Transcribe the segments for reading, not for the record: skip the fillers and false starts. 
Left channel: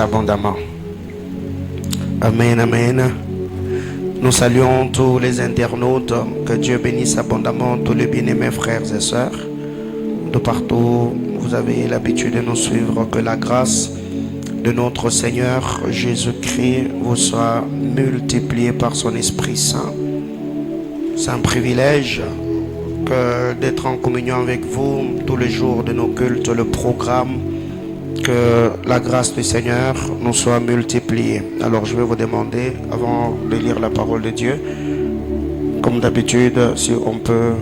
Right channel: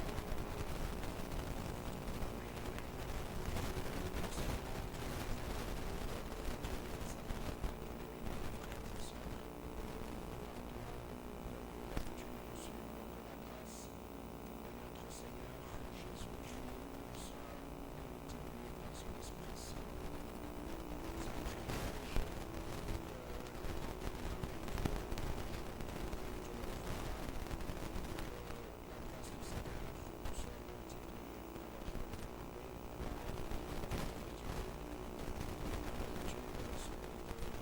abondamment. Amen, amen. Nous saluons tous les internautes. Que Dieu bénisse abondamment tous les bien-aimés frères et sœurs. De partout, vous avez l'habitude de nous suivre. Que la grâce de notre Seigneur Jésus-Christ vous soit multipliée par son Esprit Saint. C'est un privilège d'être en communion avec vous tous les jours de nos cultes, le programme. Que la grâce du Seigneur nous soit multipliée. Alors je vais vous demander, avant de lire la parole de Dieu, comme d'habitude, si on peut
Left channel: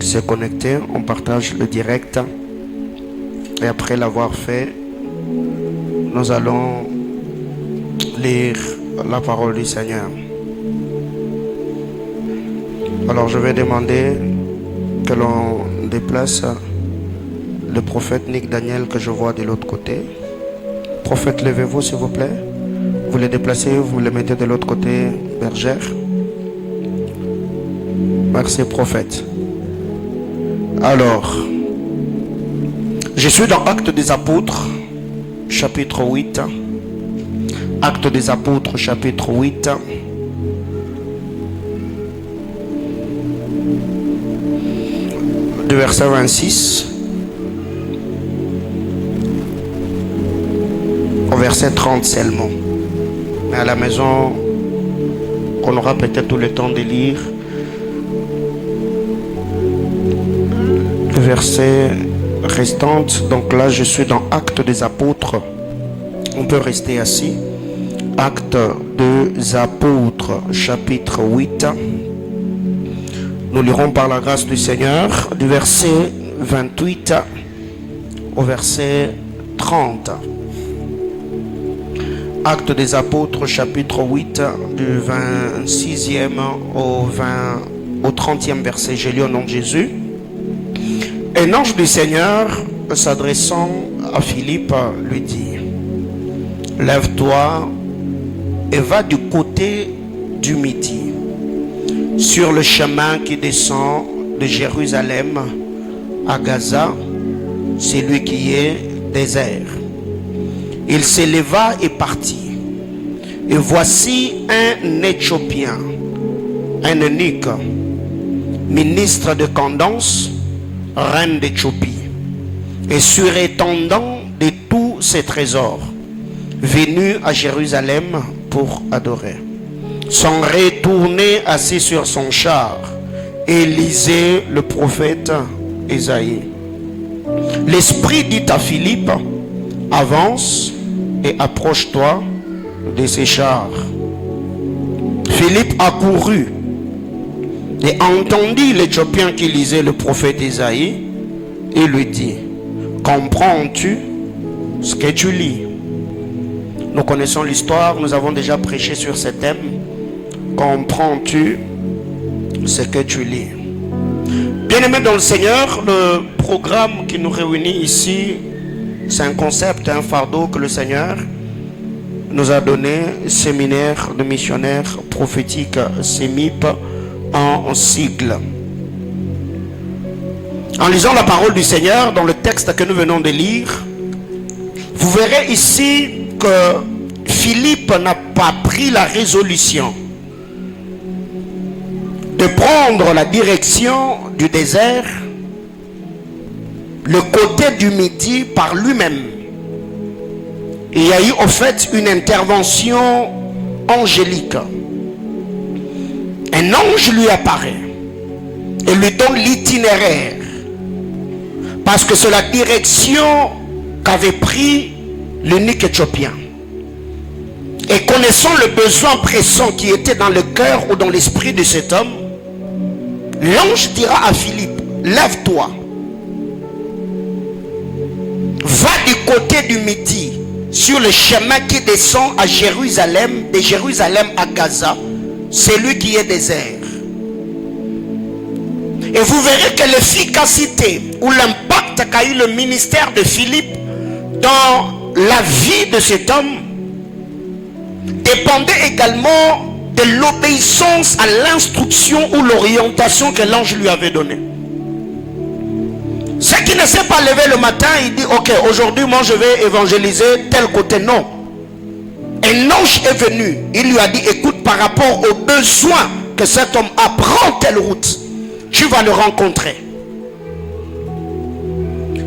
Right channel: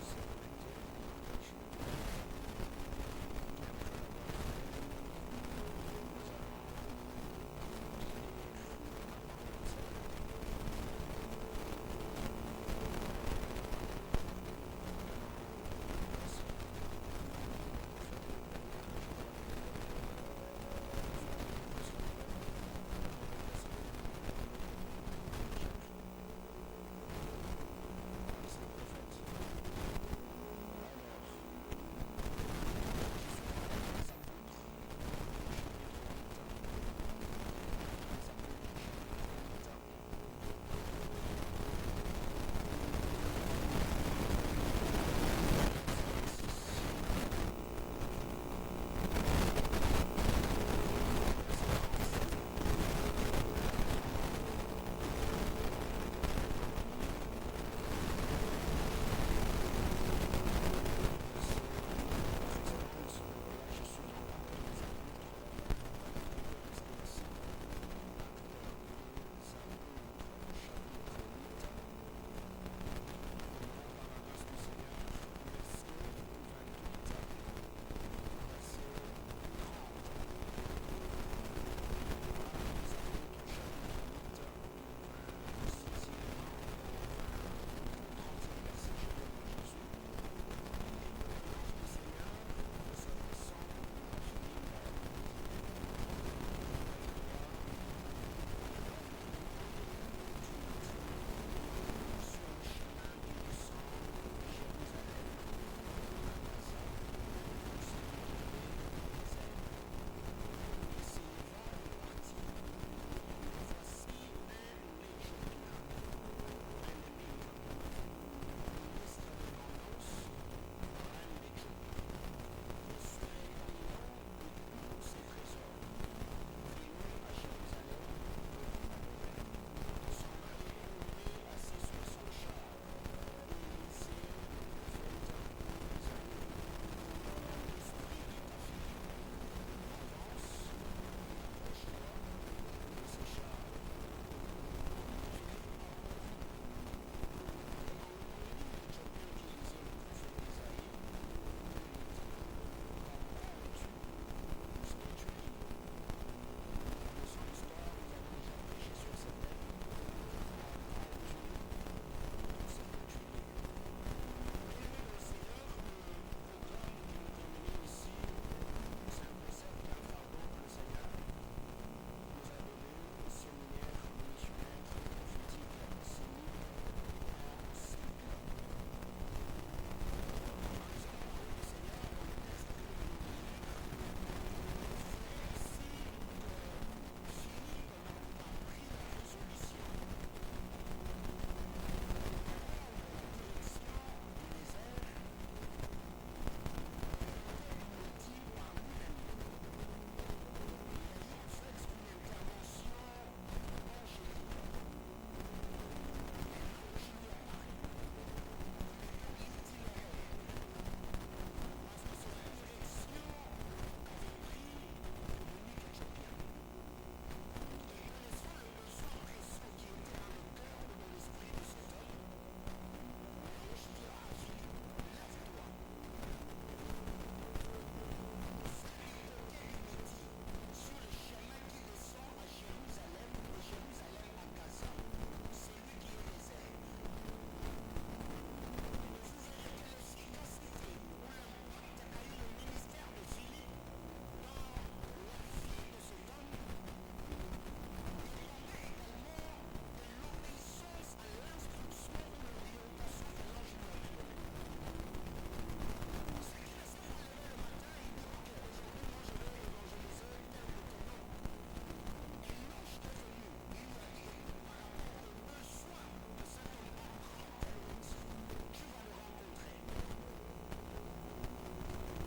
se connecter, on partage le direct. Et après l'avoir fait, nous allons lire la parole du Seigneur. Alors je vais demander que l'on déplace le prophète Nick Daniel que je vois de l'autre côté. Prophète, levez-vous s'il vous plaît. Vous le déplacez, vous le mettez de l'autre côté, bergère. Merci prophète. Alors, je suis dans Actes des Apôtres, chapitre 8. Actes des Apôtres, chapitre 8. Du verset 26. Au verset 30 seulement. Mais à la maison, on aura peut-être tout le temps de lire le verset restant. Donc là, je suis dans Actes des Apôtres. On peut rester assis. Actes des Apôtres, chapitre 8. Nous lirons par la grâce du Seigneur du verset 28 au verset 30. Actes des Apôtres, chapitre 8, du 26e au 30e verset. J'ai lu au nom de Jésus. Un ange du Seigneur, s'adressant à Philippe, lui dit: lève-toi et va du côté du midi, sur le chemin qui descend de Jérusalem à Gaza, celui qui est désert. Il s'éleva et partit. Et voici un Éthiopien, un eunuque, ministre de Candace, reine d'Éthiopie, et surintendant de tous ses trésors, venu à Jérusalem pour adorer. S'en retournait assis sur son char et lisait le prophète Ésaïe. L'Esprit dit à Philippe: avance et approche-toi de ces chars. Philippe accourut et entendit l'Éthiopien qui lisait le prophète Ésaïe et lui dit: comprends-tu ce que tu lis? Nous connaissons l'histoire, nous avons déjà prêché sur ce thème. Comprends-tu ce que tu lis? Bien-aimés dans le Seigneur, le programme qui nous réunit ici, c'est un concept, un fardeau que le Seigneur nous a donné, séminaire de missionnaires prophétiques, SEMIP en sigle. En lisant la parole du Seigneur dans le texte que nous venons de lire, vous verrez ici que Philippe n'a pas pris la résolution de prendre la direction du désert, le côté du midi par lui-même. Il y a eu au fait une intervention angélique. Un ange lui apparaît et lui donne l'itinéraire, parce que c'est la direction qu'avait pris l'eunuque éthiopien. Et connaissant le besoin pressant qui était dans le cœur ou dans l'esprit de cet homme, l'ange dira à Philippe: lève-toi, va du côté du midi, sur le chemin qui descend à Jérusalem, de Jérusalem à Gaza, celui qui est désert. Et vous verrez que l'efficacité ou l'impact qu'a eu le ministère de Philippe dans la vie de cet homme dépendait également de l'obéissance à l'instruction ou l'orientation que l'ange lui avait donnée. Ceux qui ne savent pas lever le matin, il dit, ok, aujourd'hui, moi, je vais évangéliser tel côté. Non. Un ange est venu. Il lui a dit, écoute, par rapport aux besoins que cet homme a, prends telle route. Tu vas le rencontrer.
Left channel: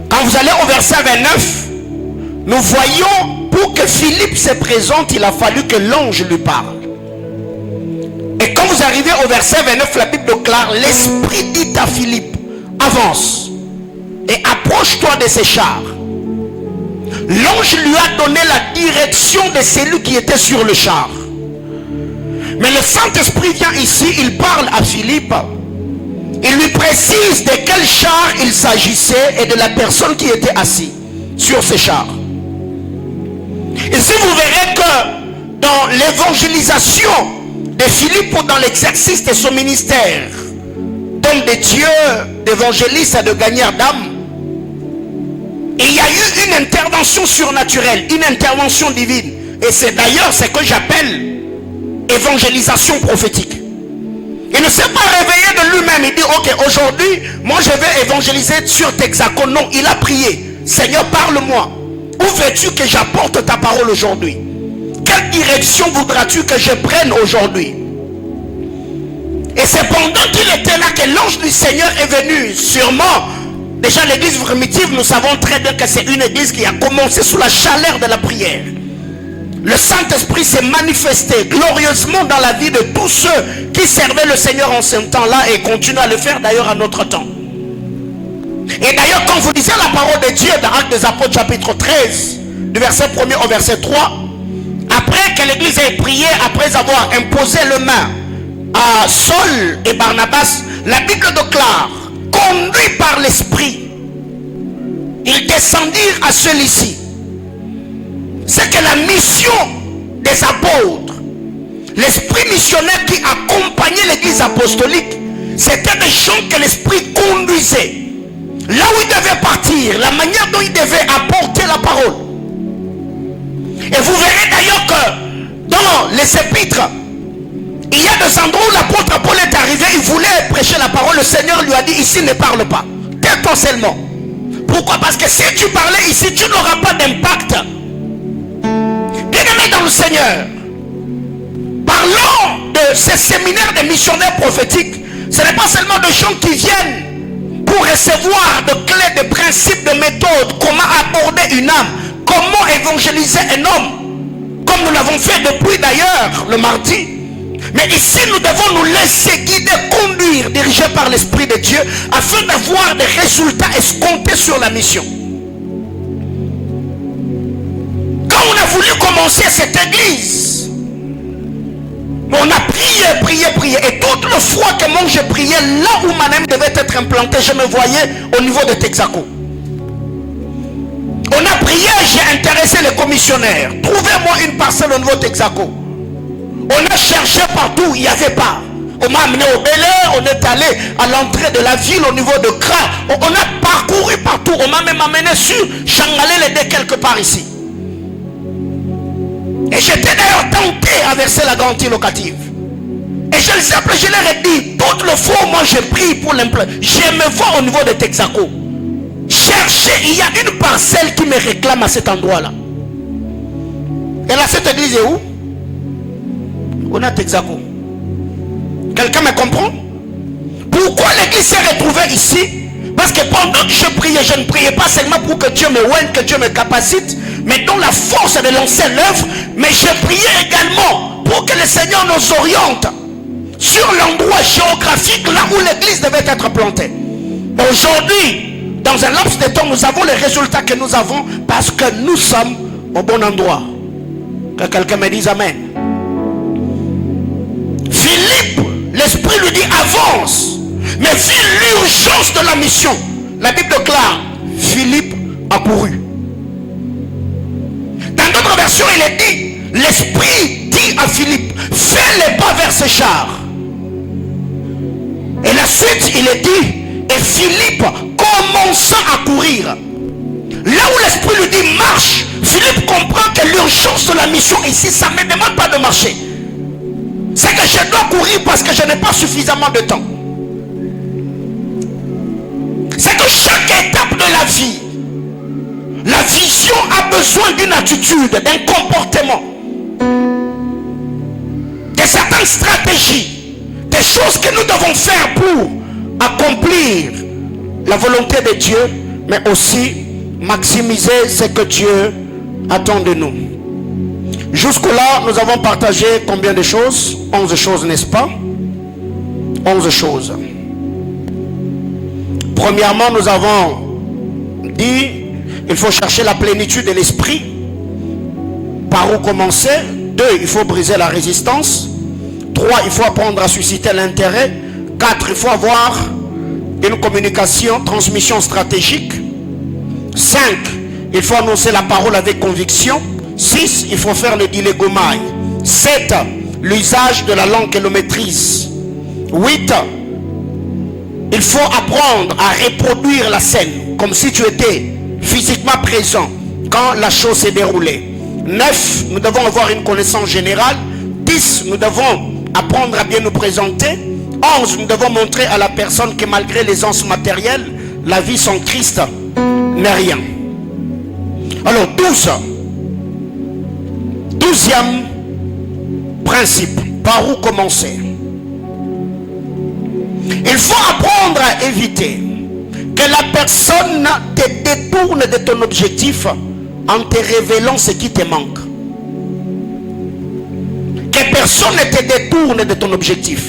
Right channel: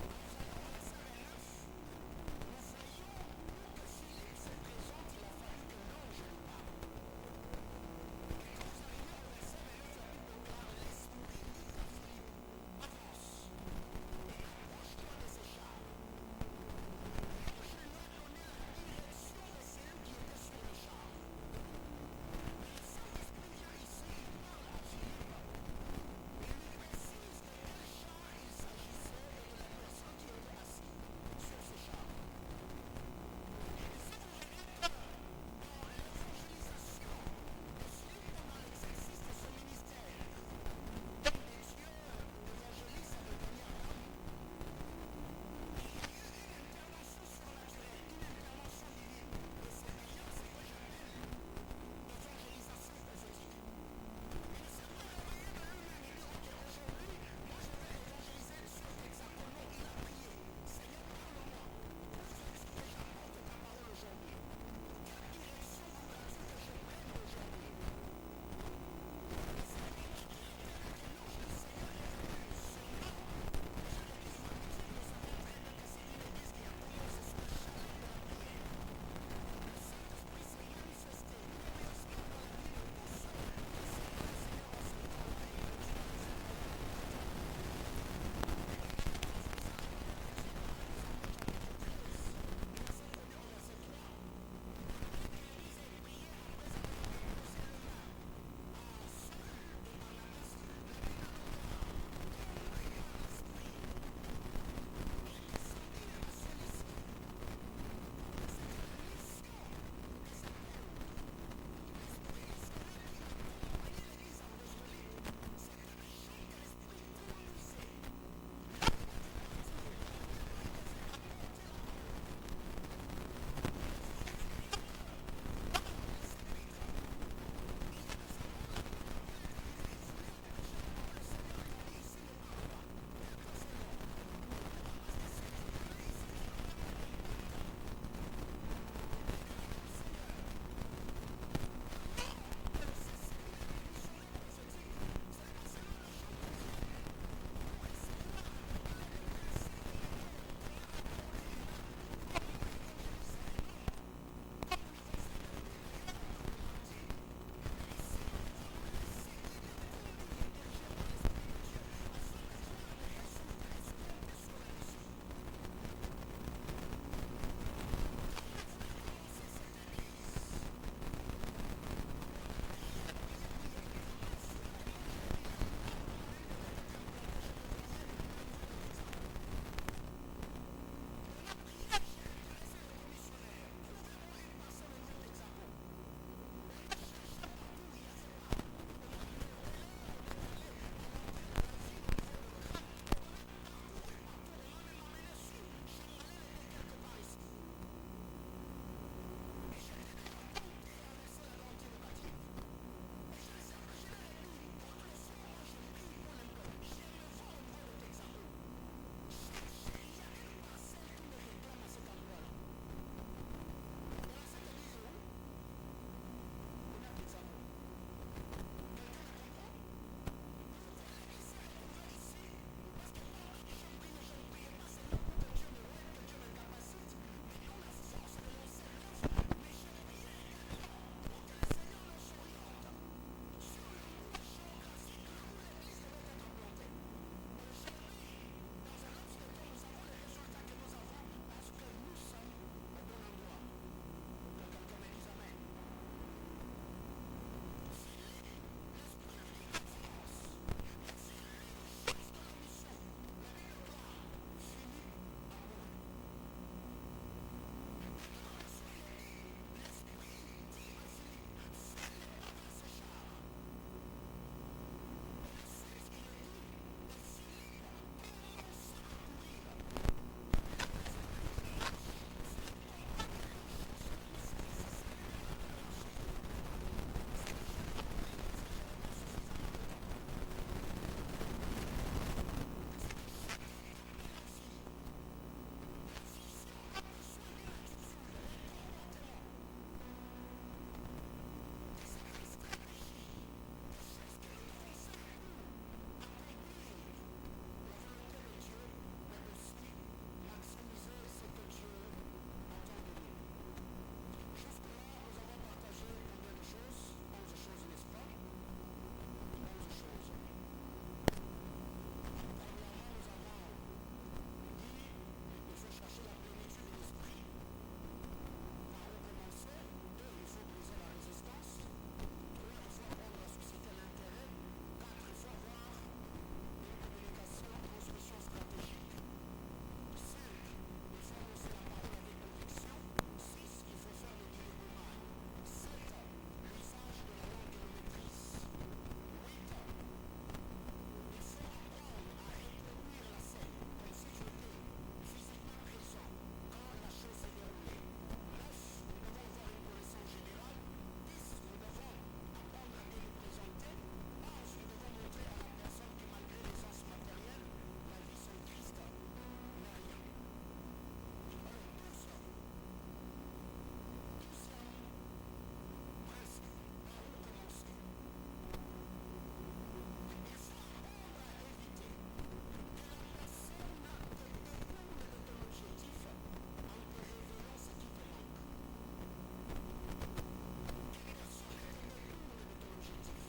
Quand vous allez au verset 29, nous voyons, pour que Philippe se présente, il a fallu que l'ange lui parle. Et quand vous arrivez au verset 29, la Bible déclare, l'Esprit dit à Philippe, avance et approche-toi de ces chars. L'ange lui a donné la direction de celui qui était sur le char. Mais le Saint-Esprit vient ici, il parle à Philippe. Il lui précise de quel char il s'agissait et de la personne qui était assise sur ces chars. Ici, vous verrez que dans l'évangélisation de Philippe ou dans l'exercice de son ministère, d'homme de Dieu, d'évangéliste et de gagneur d'âme, il y a eu une intervention surnaturelle, une intervention divine. Et c'est d'ailleurs ce que j'appelle évangélisation prophétique. Il ne s'est pas réveillé de lui-même. Il dit, ok, aujourd'hui, moi je vais évangéliser sur Texaco. Non, il a prié. Seigneur, parle-moi. Où veux-tu que j'apporte ta parole aujourd'hui? Quelle direction voudras-tu que je prenne aujourd'hui? Et c'est pendant qu'il était là que l'ange du Seigneur est venu. Sûrement, déjà l'église primitive, nous savons très bien que c'est une église qui a commencé sous la chaleur de la prière. Le Saint-Esprit s'est manifesté glorieusement dans la vie de tous ceux qui servaient le Seigneur en ce temps-là et continuent à le faire d'ailleurs à notre temps. Et d'ailleurs, quand vous lisez la parole de Dieu dans Actes des Apôtres chapitre 13, du verset 1er au verset 3, après que l'église ait prié, après avoir imposé le main à Saul et Barnabas, la Bible déclare, conduits par l'Esprit, ils descendirent à celui-ci. C'est que la mission des apôtres, l'esprit missionnaire qui accompagnait l'église apostolique, c'était des gens que l'esprit conduisait. Là où ils devaient partir, la manière dont ils devaient apporter la parole. Et vous verrez d'ailleurs que dans les épîtres, il y a des endroits où l'apôtre Paul est arrivé, il voulait prêcher la parole, le Seigneur lui a dit, ici ne parle pas, tais-toi seulement. Pourquoi? Parce que si tu parlais ici, tu n'auras pas d'impact. Bien-aimés dans le Seigneur, parlons de ces séminaires de missionnaires prophétiques. Ce n'est pas seulement des gens qui viennent pour recevoir de clés, de principes, de méthodes, comment aborder une âme, comment évangéliser un homme, comme nous l'avons fait depuis d'ailleurs le mardi. Mais ici nous devons nous laisser guider, conduire, dirigés par l'Esprit de Dieu, afin d'avoir des résultats escomptés sur la mission. Quand on a voulu commencer cette église, on a prié, et toute le fois que moi j'ai prié, là où ma âme devait être implantée, je me voyais au niveau de Texaco. On a prié, j'ai intéressé les commissionnaires. Trouvez-moi une parcelle au niveau de Texaco. On a cherché partout, il n'y avait pas. On m'a amené au Bel Air, on est allé à l'entrée de la ville au niveau de Kra. On a parcouru partout, on m'a même amené sur Changalé les deux quelque part ici. Et j'étais d'ailleurs tenté à verser la garantie locative. Et je les appelais, je leur ai dit, toutes les fois moi je prie pour l'implantation, je me vois au niveau de Texaco. Cherchez, il y a une parcelle qui me réclame à cet endroit-là. Et là, cette église est où? On a Texaco. Quelqu'un me comprend? Pourquoi l'église s'est retrouvée ici? Parce que pendant que je priais, je ne priais pas seulement pour que Dieu me oigne, que Dieu me capacite, mais dans la force de lancer l'œuvre, mais je priais également pour que le Seigneur nous oriente sur l'endroit géographique là où l'église devait être plantée. Aujourd'hui, dans un laps de temps, nous avons les résultats que nous avons parce que nous sommes au bon endroit. Que quelqu'un me dise Amen. Philippe, l'Esprit lui dit avance. Mais vu l'urgence de la mission, la Bible déclare, Philippe a couru. Dans d'autres versions, il est dit, l'Esprit dit à Philippe, fais les pas vers ce char. Et la suite, il est dit, et Philippe commença à courir. Là où l'Esprit lui dit marche, Philippe comprend que l'urgence de la mission ici, ça ne me demande pas de marcher. C'est que je dois courir parce que je n'ai pas suffisamment de temps. C'est que chaque étape de la vie, la vision a besoin d'une attitude, d'un comportement, de certaines stratégies, des choses que nous devons faire pour accomplir la volonté de Dieu, mais aussi maximiser ce que Dieu attend de nous. Jusque-là, nous avons partagé combien de choses? 11 choses, n'est-ce pas? 11 choses. Premièrement, nous avons dit il faut chercher la plénitude de l'esprit. Par où commencer? 2, il faut briser la résistance. 3, il faut apprendre à susciter l'intérêt. 4, il faut avoir une communication, transmission stratégique. 5, il faut annoncer la parole avec conviction. 6, il faut faire le dilégomai. 7, l'usage de la langue et le maîtrise. 8, il faut apprendre à reproduire la scène comme si tu étais physiquement présent quand la chose s'est déroulée. 9, nous devons avoir une connaissance générale. 10, nous devons apprendre à bien nous présenter. 11, nous devons montrer à la personne que malgré l'aisance matérielle, la vie sans Christ n'est rien. Alors 12, 12e principe, par où commencer? Il faut apprendre à éviter que la personne te détourne de ton objectif en te révélant ce qui te manque. Que personne ne te détourne de ton objectif.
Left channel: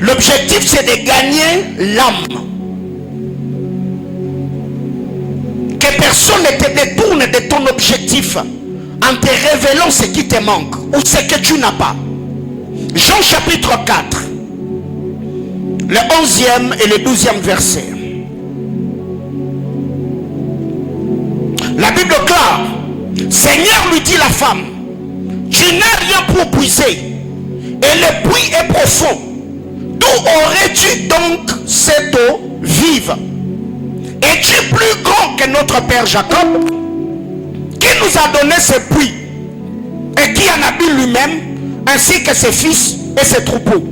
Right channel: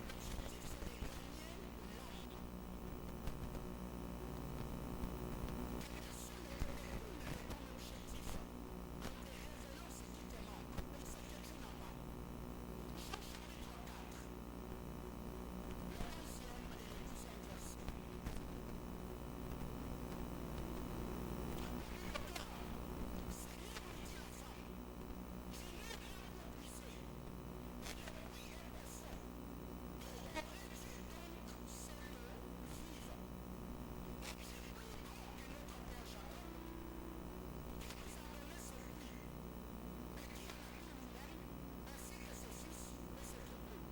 L'objectif, c'est de gagner l'âme. Que personne ne te détourne de ton objectif en te révélant ce qui te manque ou ce que tu n'as pas. Jean chapitre 4, le 11e et le 12e verset. La Bible clare, Seigneur, lui dit la femme, tu n'as rien pour puiser et le puits est profond. D'où aurais-tu donc cette eau vive? Es-tu plus grand que notre père Jacob, qui nous a donné ce puits et qui en a bu lui-même, ainsi que ses fils et ses troupeaux?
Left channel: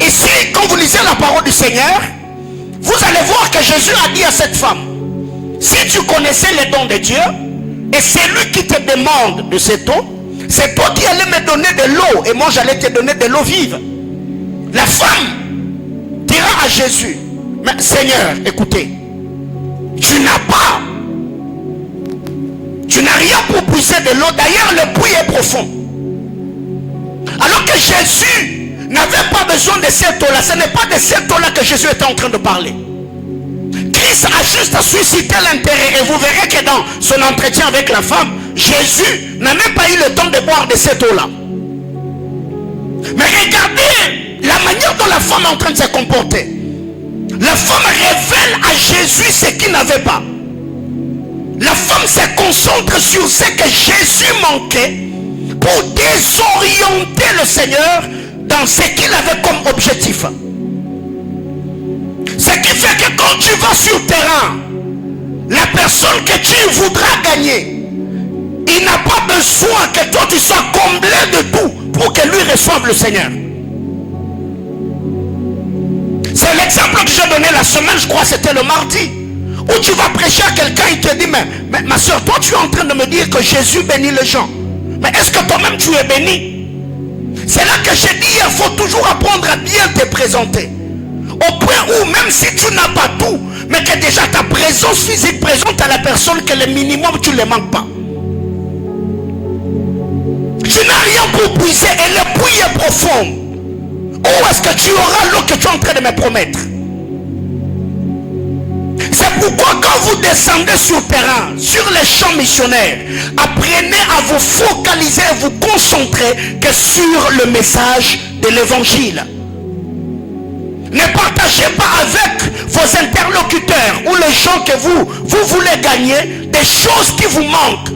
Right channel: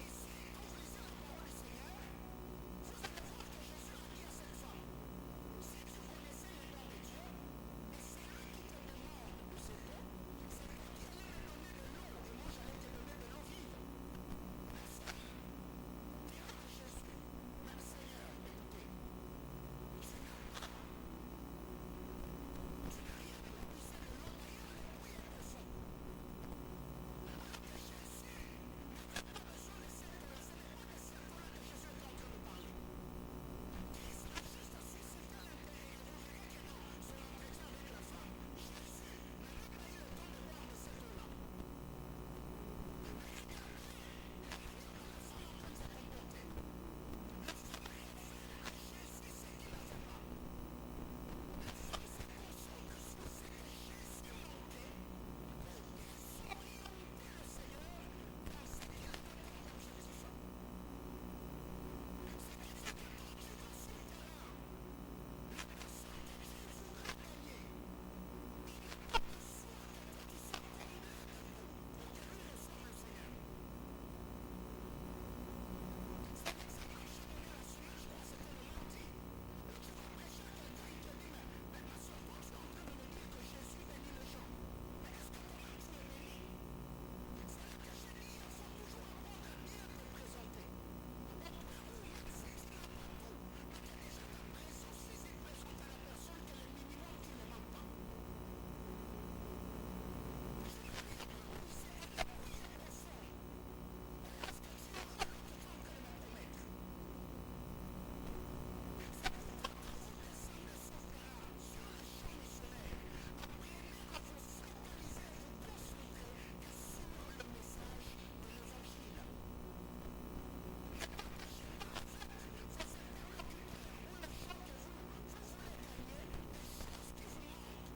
Ici, quand vous lisez la parole du Seigneur, vous allez voir que Jésus a dit à cette femme, si tu connaissais les dons de Dieu, et c'est lui qui te demande de cette eau, c'est toi qui allais me donner de l'eau, et moi j'allais te donner de l'eau vive. La femme dira à Jésus, mais Seigneur, écoutez, tu n'as rien pour puiser de l'eau, d'ailleurs le puits est profond. Alors que Jésus n'avait pas besoin de cette eau-là, ce n'est pas de cette eau-là que Jésus était en train de parler. Christ a juste suscité l'intérêt, et vous verrez que dans son entretien avec la femme, Jésus n'a même pas eu le temps de boire de cette eau-là. Mais regardez la manière dont la femme est en train de se comporter. La femme révèle à Jésus ce qu'il n'avait pas. La femme se concentre sur ce que Jésus manquait pour désorienter le Seigneur dans ce qu'il avait comme objectif. Ce qui fait que quand tu vas sur le terrain, la personne que tu voudras gagner, il n'a pas besoin que toi tu sois comblé de tout pour que lui reçoive le Seigneur. C'est l'exemple que j'ai donné la semaine, je crois que c'était le mardi, où tu vas prêcher à quelqu'un, il te dit, mais ma soeur, toi tu es en train de me dire que Jésus bénit les gens. Mais est-ce que toi-même tu es béni? C'est là que j'ai dit, il faut toujours apprendre à bien te présenter. Au point où même si tu n'as pas tout, mais que déjà ta présence physique présente à la personne que le minimum tu ne le manques pas. Tu n'as rien pour puiser et le puits est profond. Où est-ce que tu auras l'eau que tu es en train de me promettre? C'est pourquoi quand vous descendez sur le terrain, sur les champs missionnaires, apprenez à vous focaliser, à vous concentrer que sur le message de l'évangile. Ne partagez pas avec vos interlocuteurs ou les gens que vous voulez gagner des choses qui vous manquent.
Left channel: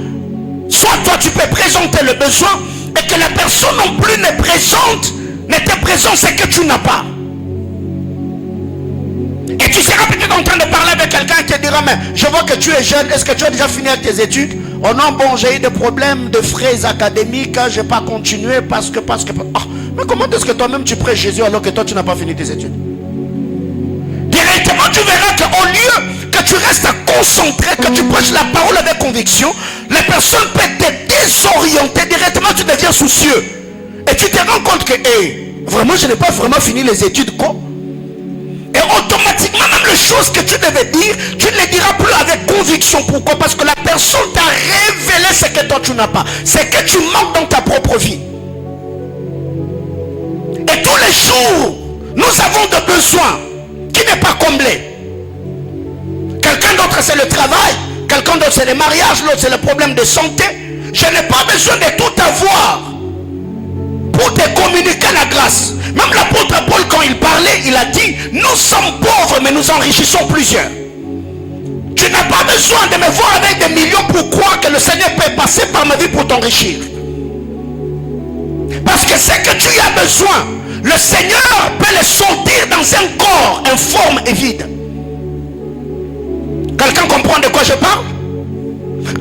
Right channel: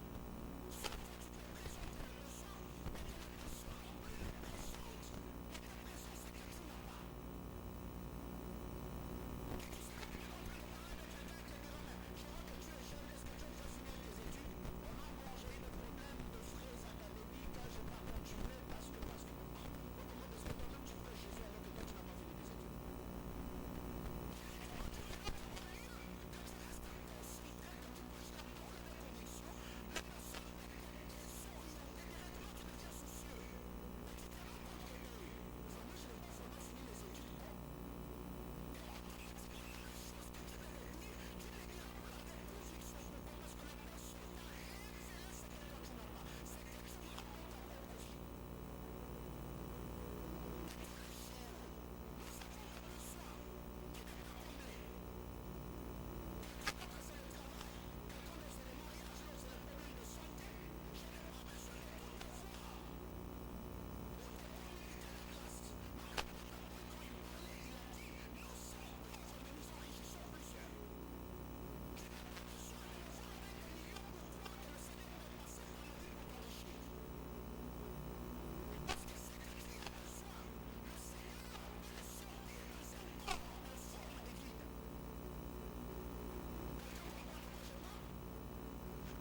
Soit toi tu peux présenter le besoin et que la personne non plus ne te présente ce que tu n'as pas. Et tu seras peut-être en train de parler avec quelqu'un qui te dira, mais je vois que tu es jeune, est-ce que tu as déjà fini avec tes études? Oh non, bon, j'ai eu des problèmes de frais académiques, je n'ai pas continué parce que... Oh, mais comment est-ce que toi-même tu prêches Jésus alors que toi tu n'as pas fini tes études? Directement tu verras qu'au lieu que tu restes concentré, que tu prêches la parole avec conviction, les personnes peuvent te désorienter. Directement, tu deviens soucieux. Et tu te rends compte que, vraiment, je n'ai pas vraiment fini les études, quoi. Et automatiquement, même les choses que tu devais dire, tu ne les diras plus avec conviction. Pourquoi? Parce que la personne t'a révélé ce que toi tu n'as pas. C'est que tu manques dans ta propre vie. Et tous les jours, nous avons des besoins qui n'est pas comblé. Quelqu'un d'autre c'est le travail, quelqu'un d'autre c'est le mariage, l'autre c'est le problème de santé. Je n'ai pas besoin de tout avoir pour te communiquer la grâce. Même l'apôtre Paul, quand il parlait, il a dit, nous sommes pauvres mais nous enrichissons plusieurs. Tu n'as pas besoin de me voir avec des millions pour croire que le Seigneur peut passer par ma vie pour t'enrichir. Parce que ce que tu as besoin, le Seigneur peut le sortir dans un corps informe et vide. Quelqu'un comprend de quoi je parle?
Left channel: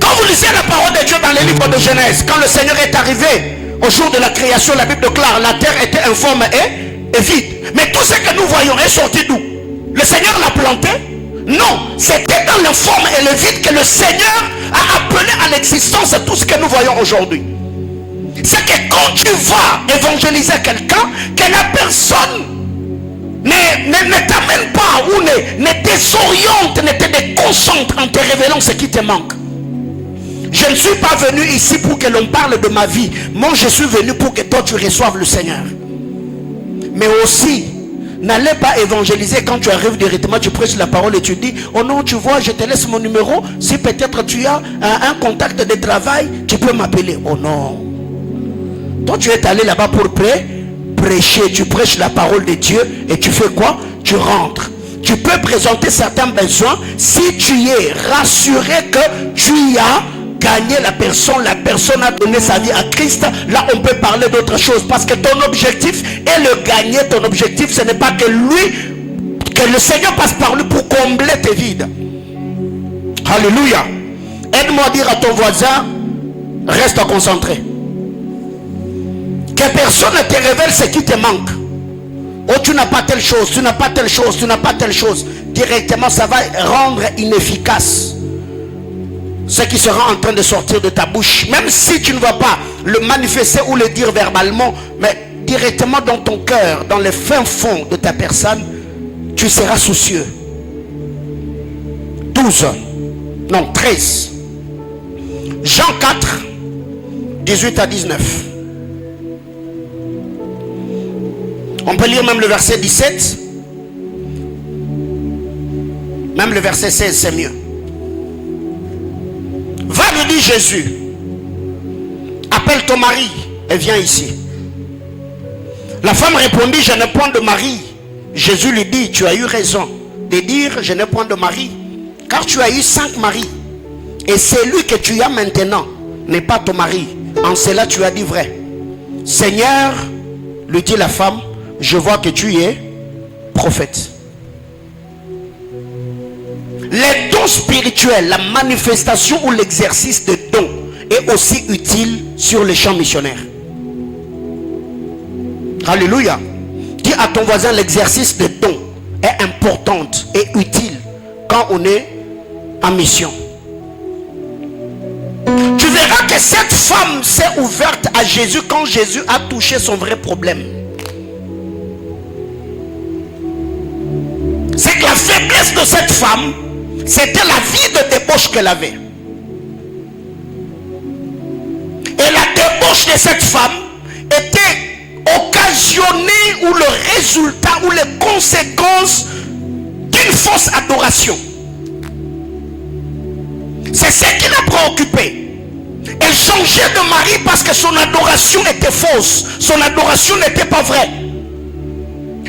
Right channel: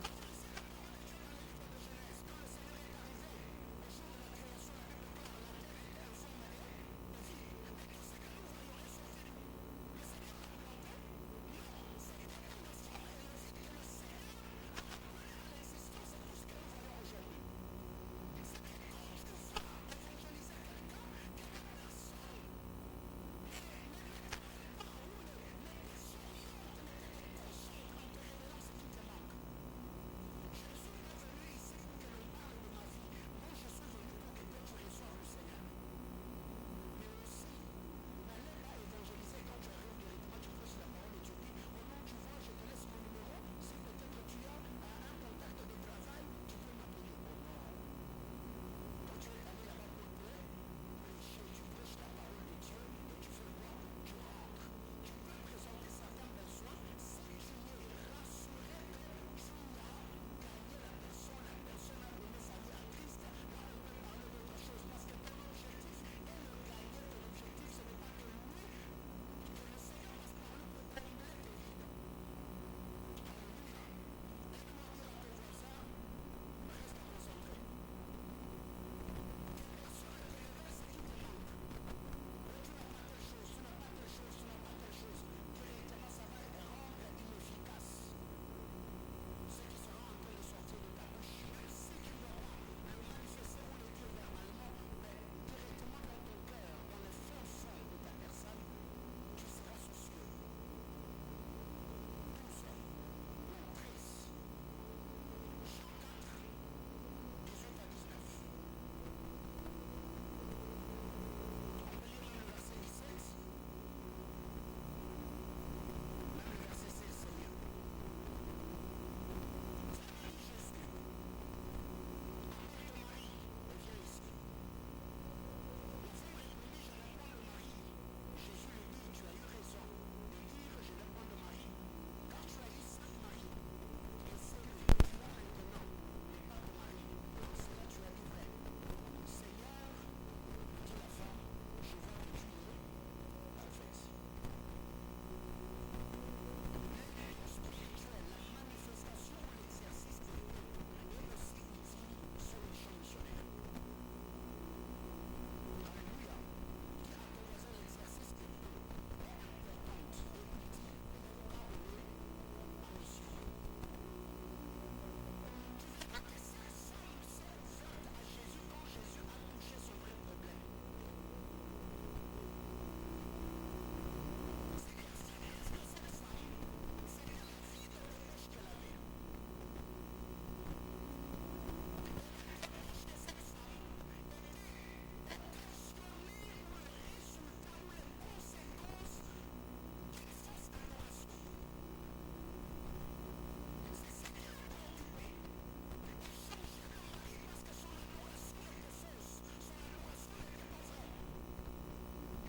Quand vous lisez la parole de Dieu dans les livres de Genèse, quand le Seigneur est arrivé au jour de la création, la Bible déclare la terre était informe et vide. Mais tout ce que nous voyons est sorti d'où? Le Seigneur l'a planté? Non, c'était dans l'informe et le vide que le Seigneur a appelé à l'existence tout ce que nous voyons aujourd'hui. C'est que quand tu vas évangéliser quelqu'un, que la personne ne t'amène pas ou ne désoriente, ne te déconcentre en te révélant ce qui te manque. Je ne suis pas venu ici pour que l'on parle de ma vie. Moi, je suis venu pour que toi, tu reçoives le Seigneur. Mais aussi, n'allez pas évangéliser quand tu arrives directement, tu prêches la parole et tu dis, oh non, tu vois, je te laisse mon numéro. Si peut-être tu as un contact de travail, tu peux m'appeler. Oh non. Toi, tu es allé là-bas pour prêcher. Tu prêches la parole de Dieu et tu fais quoi? Tu rentres. Tu peux présenter certains besoins si tu es rassuré que tu as gagné la personne a donné sa vie à Christ. Là on peut parler d'autre chose, parce que ton objectif est le gagner. Ton objectif, ce n'est pas que le Seigneur passe par lui pour combler tes vides. Alléluia. Aide-moi à dire à ton voisin, reste concentré. Que personne ne te révèle ce qui te manque. Oh, tu n'as pas telle chose, tu n'as pas telle chose, tu n'as pas telle chose. Directement, ça va rendre inefficace ce qui sera en train de sortir de ta bouche. Même si tu ne vas pas le manifester ou le dire verbalement, mais directement dans ton cœur, dans le fin fond de ta personne, tu seras soucieux. 13. Jean 4, 18 à 19. On peut lire même le verset 17. Même le verset 16, c'est mieux. Va, lui dit Jésus, appelle ton mari et viens ici. La femme répondit, je n'ai point de mari. Jésus lui dit, tu as eu raison de dire, je n'ai point de mari, car tu as eu 5 maris. Et celui que tu as maintenant n'est pas ton mari. En cela tu as dit vrai. Seigneur, lui dit la femme, je vois que tu es prophète. Les dons spirituels, la manifestation ou l'exercice de dons est aussi utile sur les champs missionnaires. Alléluia. Dis à ton voisin, l'exercice de dons est important et utile quand on est en mission. Tu verras que cette femme s'est ouverte à Jésus quand Jésus a touché son vrai problème. C'est que la faiblesse de cette femme, c'était la vie de débauche qu'elle avait. Et la débauche de cette femme était occasionnée ou le résultat ou les conséquences d'une fausse adoration. C'est ce qui l'a préoccupée. Elle changeait de mari parce que son adoration était fausse. Son adoration n'était pas vraie.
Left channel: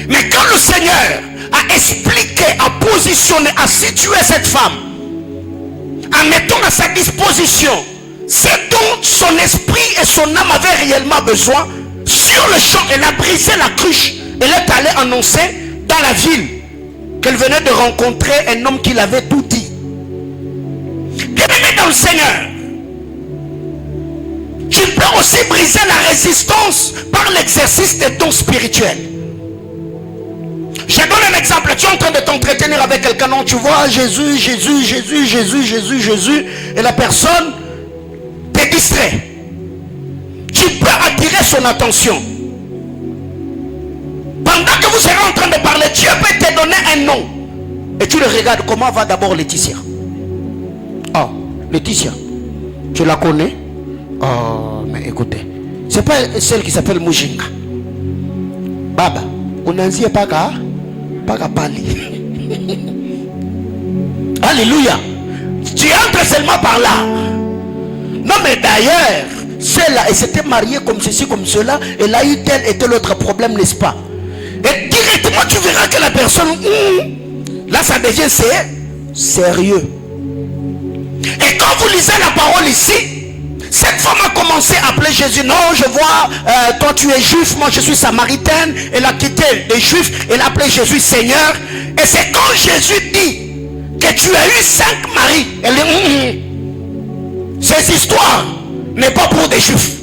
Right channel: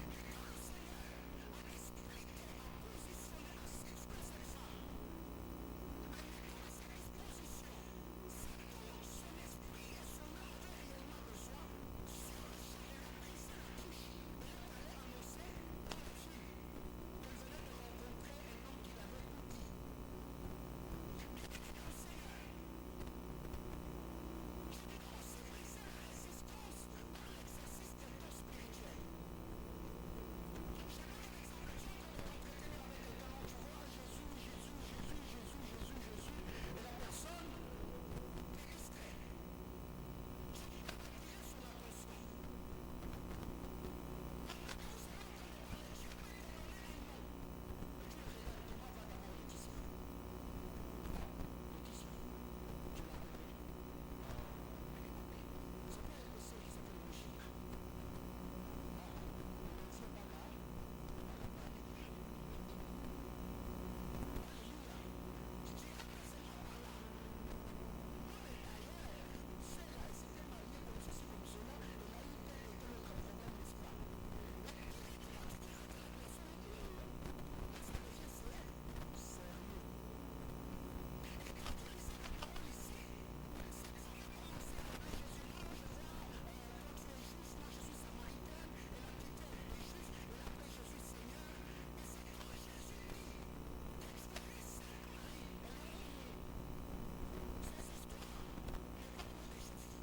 Mais quand le Seigneur a expliqué, a positionné, a situé cette femme en mettant à sa disposition ce dont son esprit et son âme avaient réellement besoin, sur le champ, elle a brisé la cruche. Elle est allée annoncer dans la ville qu'elle venait de rencontrer un homme qui l'avait tout dit. Bien-aimé dans le Seigneur, tu peux aussi briser la résistance par l'exercice des dons spirituels. Je donne un exemple. Tu es en train de t'entretenir avec quelqu'un, non, tu vois Jésus, Jésus, Jésus, Jésus, Jésus, Jésus, et la personne te distrait. Tu peux attirer son attention. Pendant que vous serez en train de parler, Dieu peut te donner un nom. Et tu le regardes, comment va d'abord Laetitia? Oh, Laetitia, tu la connais? Oh, mais écoutez, c'est pas celle qui s'appelle Mujinga. Baba, on a dit pas qu'à parler. Alléluia. Tu entres seulement par là. Non, mais d'ailleurs, celle-là, elle s'était mariée comme ceci, comme cela. Elle a eu tel et tel autre problème, n'est-ce pas? Et directement, tu verras que la personne, là, ça devient sérieux. Et quand vous lisez la parole ici, cette femme a commencé à appeler Jésus. Non, je vois, toi tu es juif, moi je suis samaritaine. Elle a quitté les juifs, elle a appelé Jésus Seigneur. Et c'est quand Jésus dit que tu as eu 5 maris, elle dit, ces histoires n'est pas pour des juifs.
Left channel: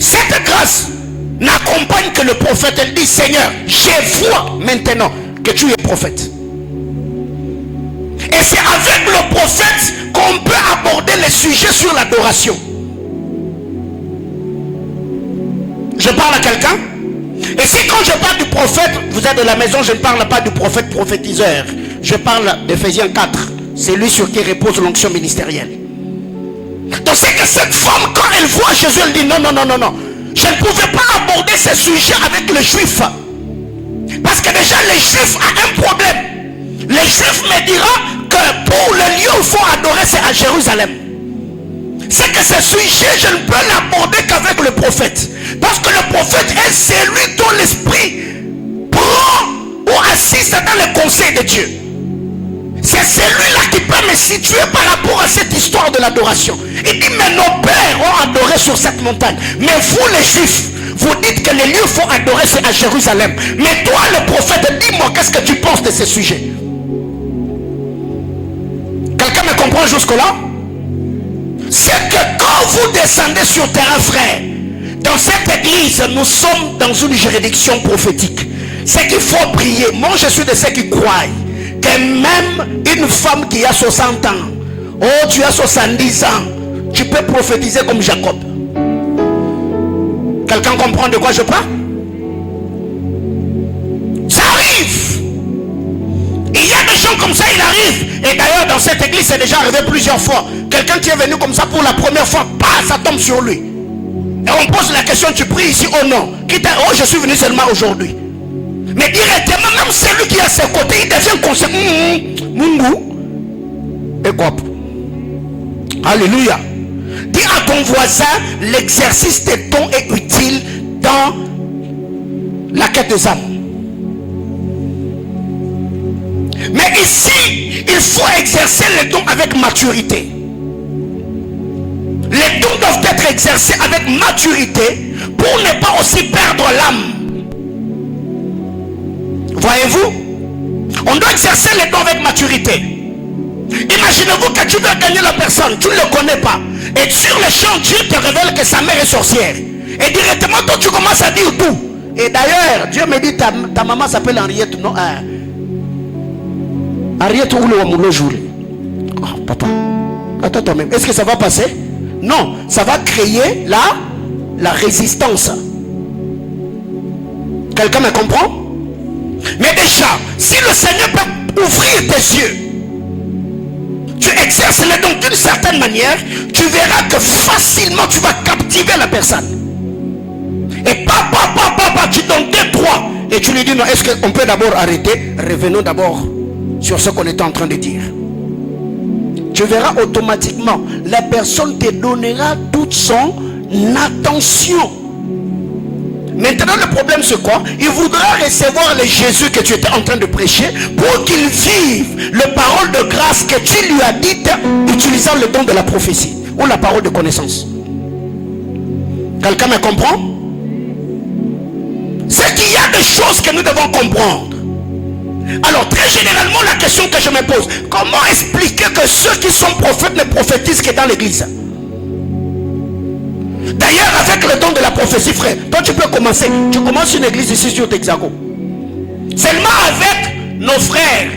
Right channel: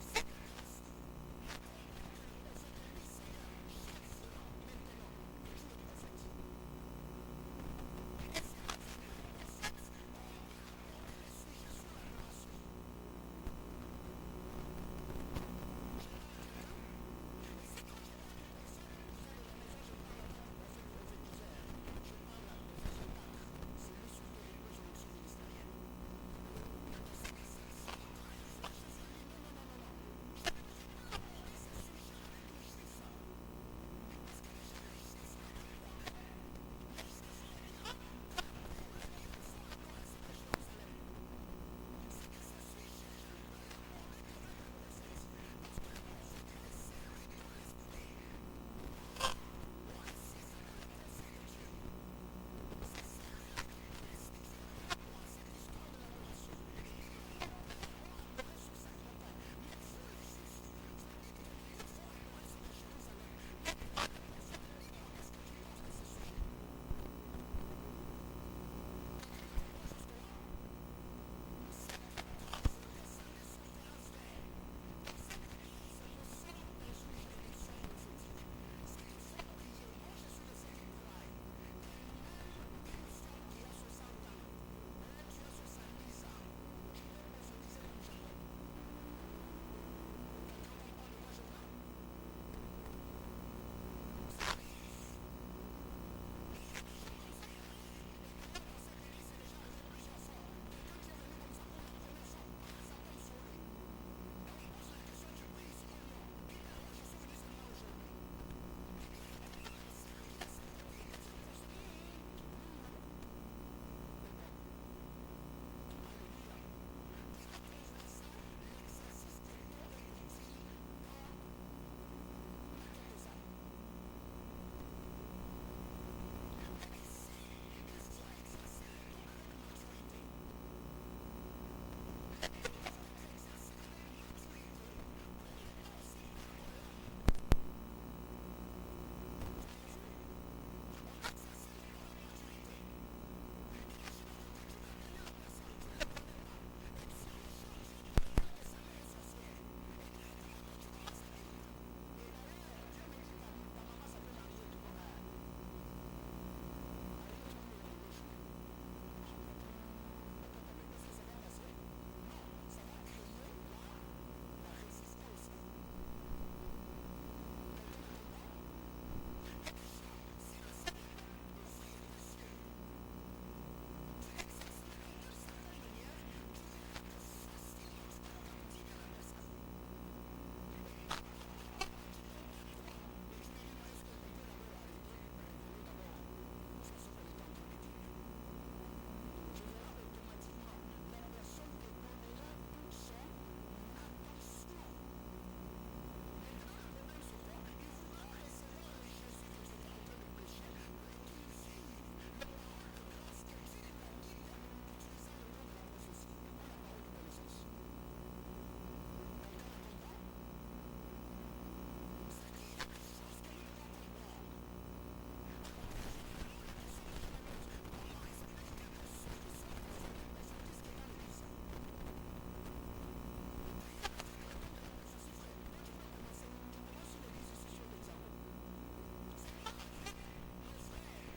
Cette grâce n'accompagne que le prophète. Elle dit, Seigneur, je vois maintenant que tu es prophète. Et c'est avec le prophète qu'on peut aborder les sujets sur l'adoration. Je parle à quelqu'un. Et si quand je parle du prophète, vous êtes de la maison, je ne parle pas du prophète prophétiseur. Je parle d'Éphésiens 4. C'est lui sur qui repose l'onction ministérielle. Donc c'est que cette femme, quand elle voit Jésus, elle dit non, non, non, non, non. Je ne pouvais pas aborder ces sujets avec les juifs. Parce que déjà les juifs ont un problème. Les juifs me diront que pour le lieu où il faut adorer, c'est à Jérusalem. C'est que ce sujet, je ne peux l'aborder qu'avec le prophète. Parce que le prophète est celui dont l'esprit prend ou assiste dans le conseil de Dieu. C'est celui-là qui peut me situer par rapport à cette histoire de l'adoration. Il dit, mais nos pères ont adoré sur cette montagne. Mais vous les juifs, vous dites que les lieux où il faut adorer, c'est à Jérusalem. Mais toi le prophète, dis-moi, qu'est-ce que tu penses de ce sujet? Quelqu'un me comprend jusque-là? C'est que quand vous descendez sur terrain, frère, dans cette église, nous sommes dans une juridiction prophétique. C'est qu'il faut prier. Moi, je suis de ceux qui croient que même une femme qui a 60 ans, oh, tu as 70 ans, tu peux prophétiser comme Jacob. Quelqu'un comprend de quoi je parle? Ça arrive. Il y a des gens comme ça, il arrive. Et d'ailleurs, dans cette église, c'est déjà arrivé plusieurs fois. Quelqu'un qui est venu comme ça pour la première fois, ça tombe sur lui. Et on pose la question, tu pries ici? Oh non. Oh, je suis venu seulement aujourd'hui. Mais directement, même celui qui est à ses côtés, il devient conscient. Mungu. Et quoi? Alléluia. Dis à ton voisin, l'exercice des dons est utile dans la quête des âmes. Mais ici, il faut exercer les dons avec maturité. Les dons doivent être exercés avec maturité pour ne pas aussi perdre l'âme. Voyez-vous? On doit exercer les dons avec maturité. Imaginez-vous que tu veux gagner la personne, tu ne le connais pas. Et sur le champ, Dieu te révèle que sa mère est sorcière. Et directement, toi, tu commences à dire tout. Et d'ailleurs, Dieu me dit, ta maman s'appelle Henriette. Non, Henriette ou le Wamoulo Joulé. Oh, papa, attends toi-même. Est-ce que ça va passer? Non, ça va créer la résistance. Quelqu'un me comprend? Mais déjà, si le Seigneur peut ouvrir tes yeux, tu exerces les dons d'une certaine manière, tu verras que facilement tu vas captiver la personne. Et papa, tu donnes 2, 3 et tu lui dis non, est-ce qu'on peut d'abord arrêter? Revenons d'abord sur ce qu'on était en train de dire. Tu verras automatiquement, la personne te donnera toute son attention. Maintenant, le problème c'est quoi? Il voudra recevoir le Jésus que tu étais en train de prêcher pour qu'il vive les paroles de grâce que tu lui as dites utilisant le don de la prophétie ou la parole de connaissance. Quelqu'un me comprend? C'est qu'il y a des choses que nous devons comprendre. Alors, très généralement, la question que je me pose, comment expliquer que ceux qui sont prophètes ne prophétisent que dans l'église? D'ailleurs, avec le don de la prophétie, frère, toi tu peux commencer. Tu commences une église ici sur Texaco. Seulement avec nos frères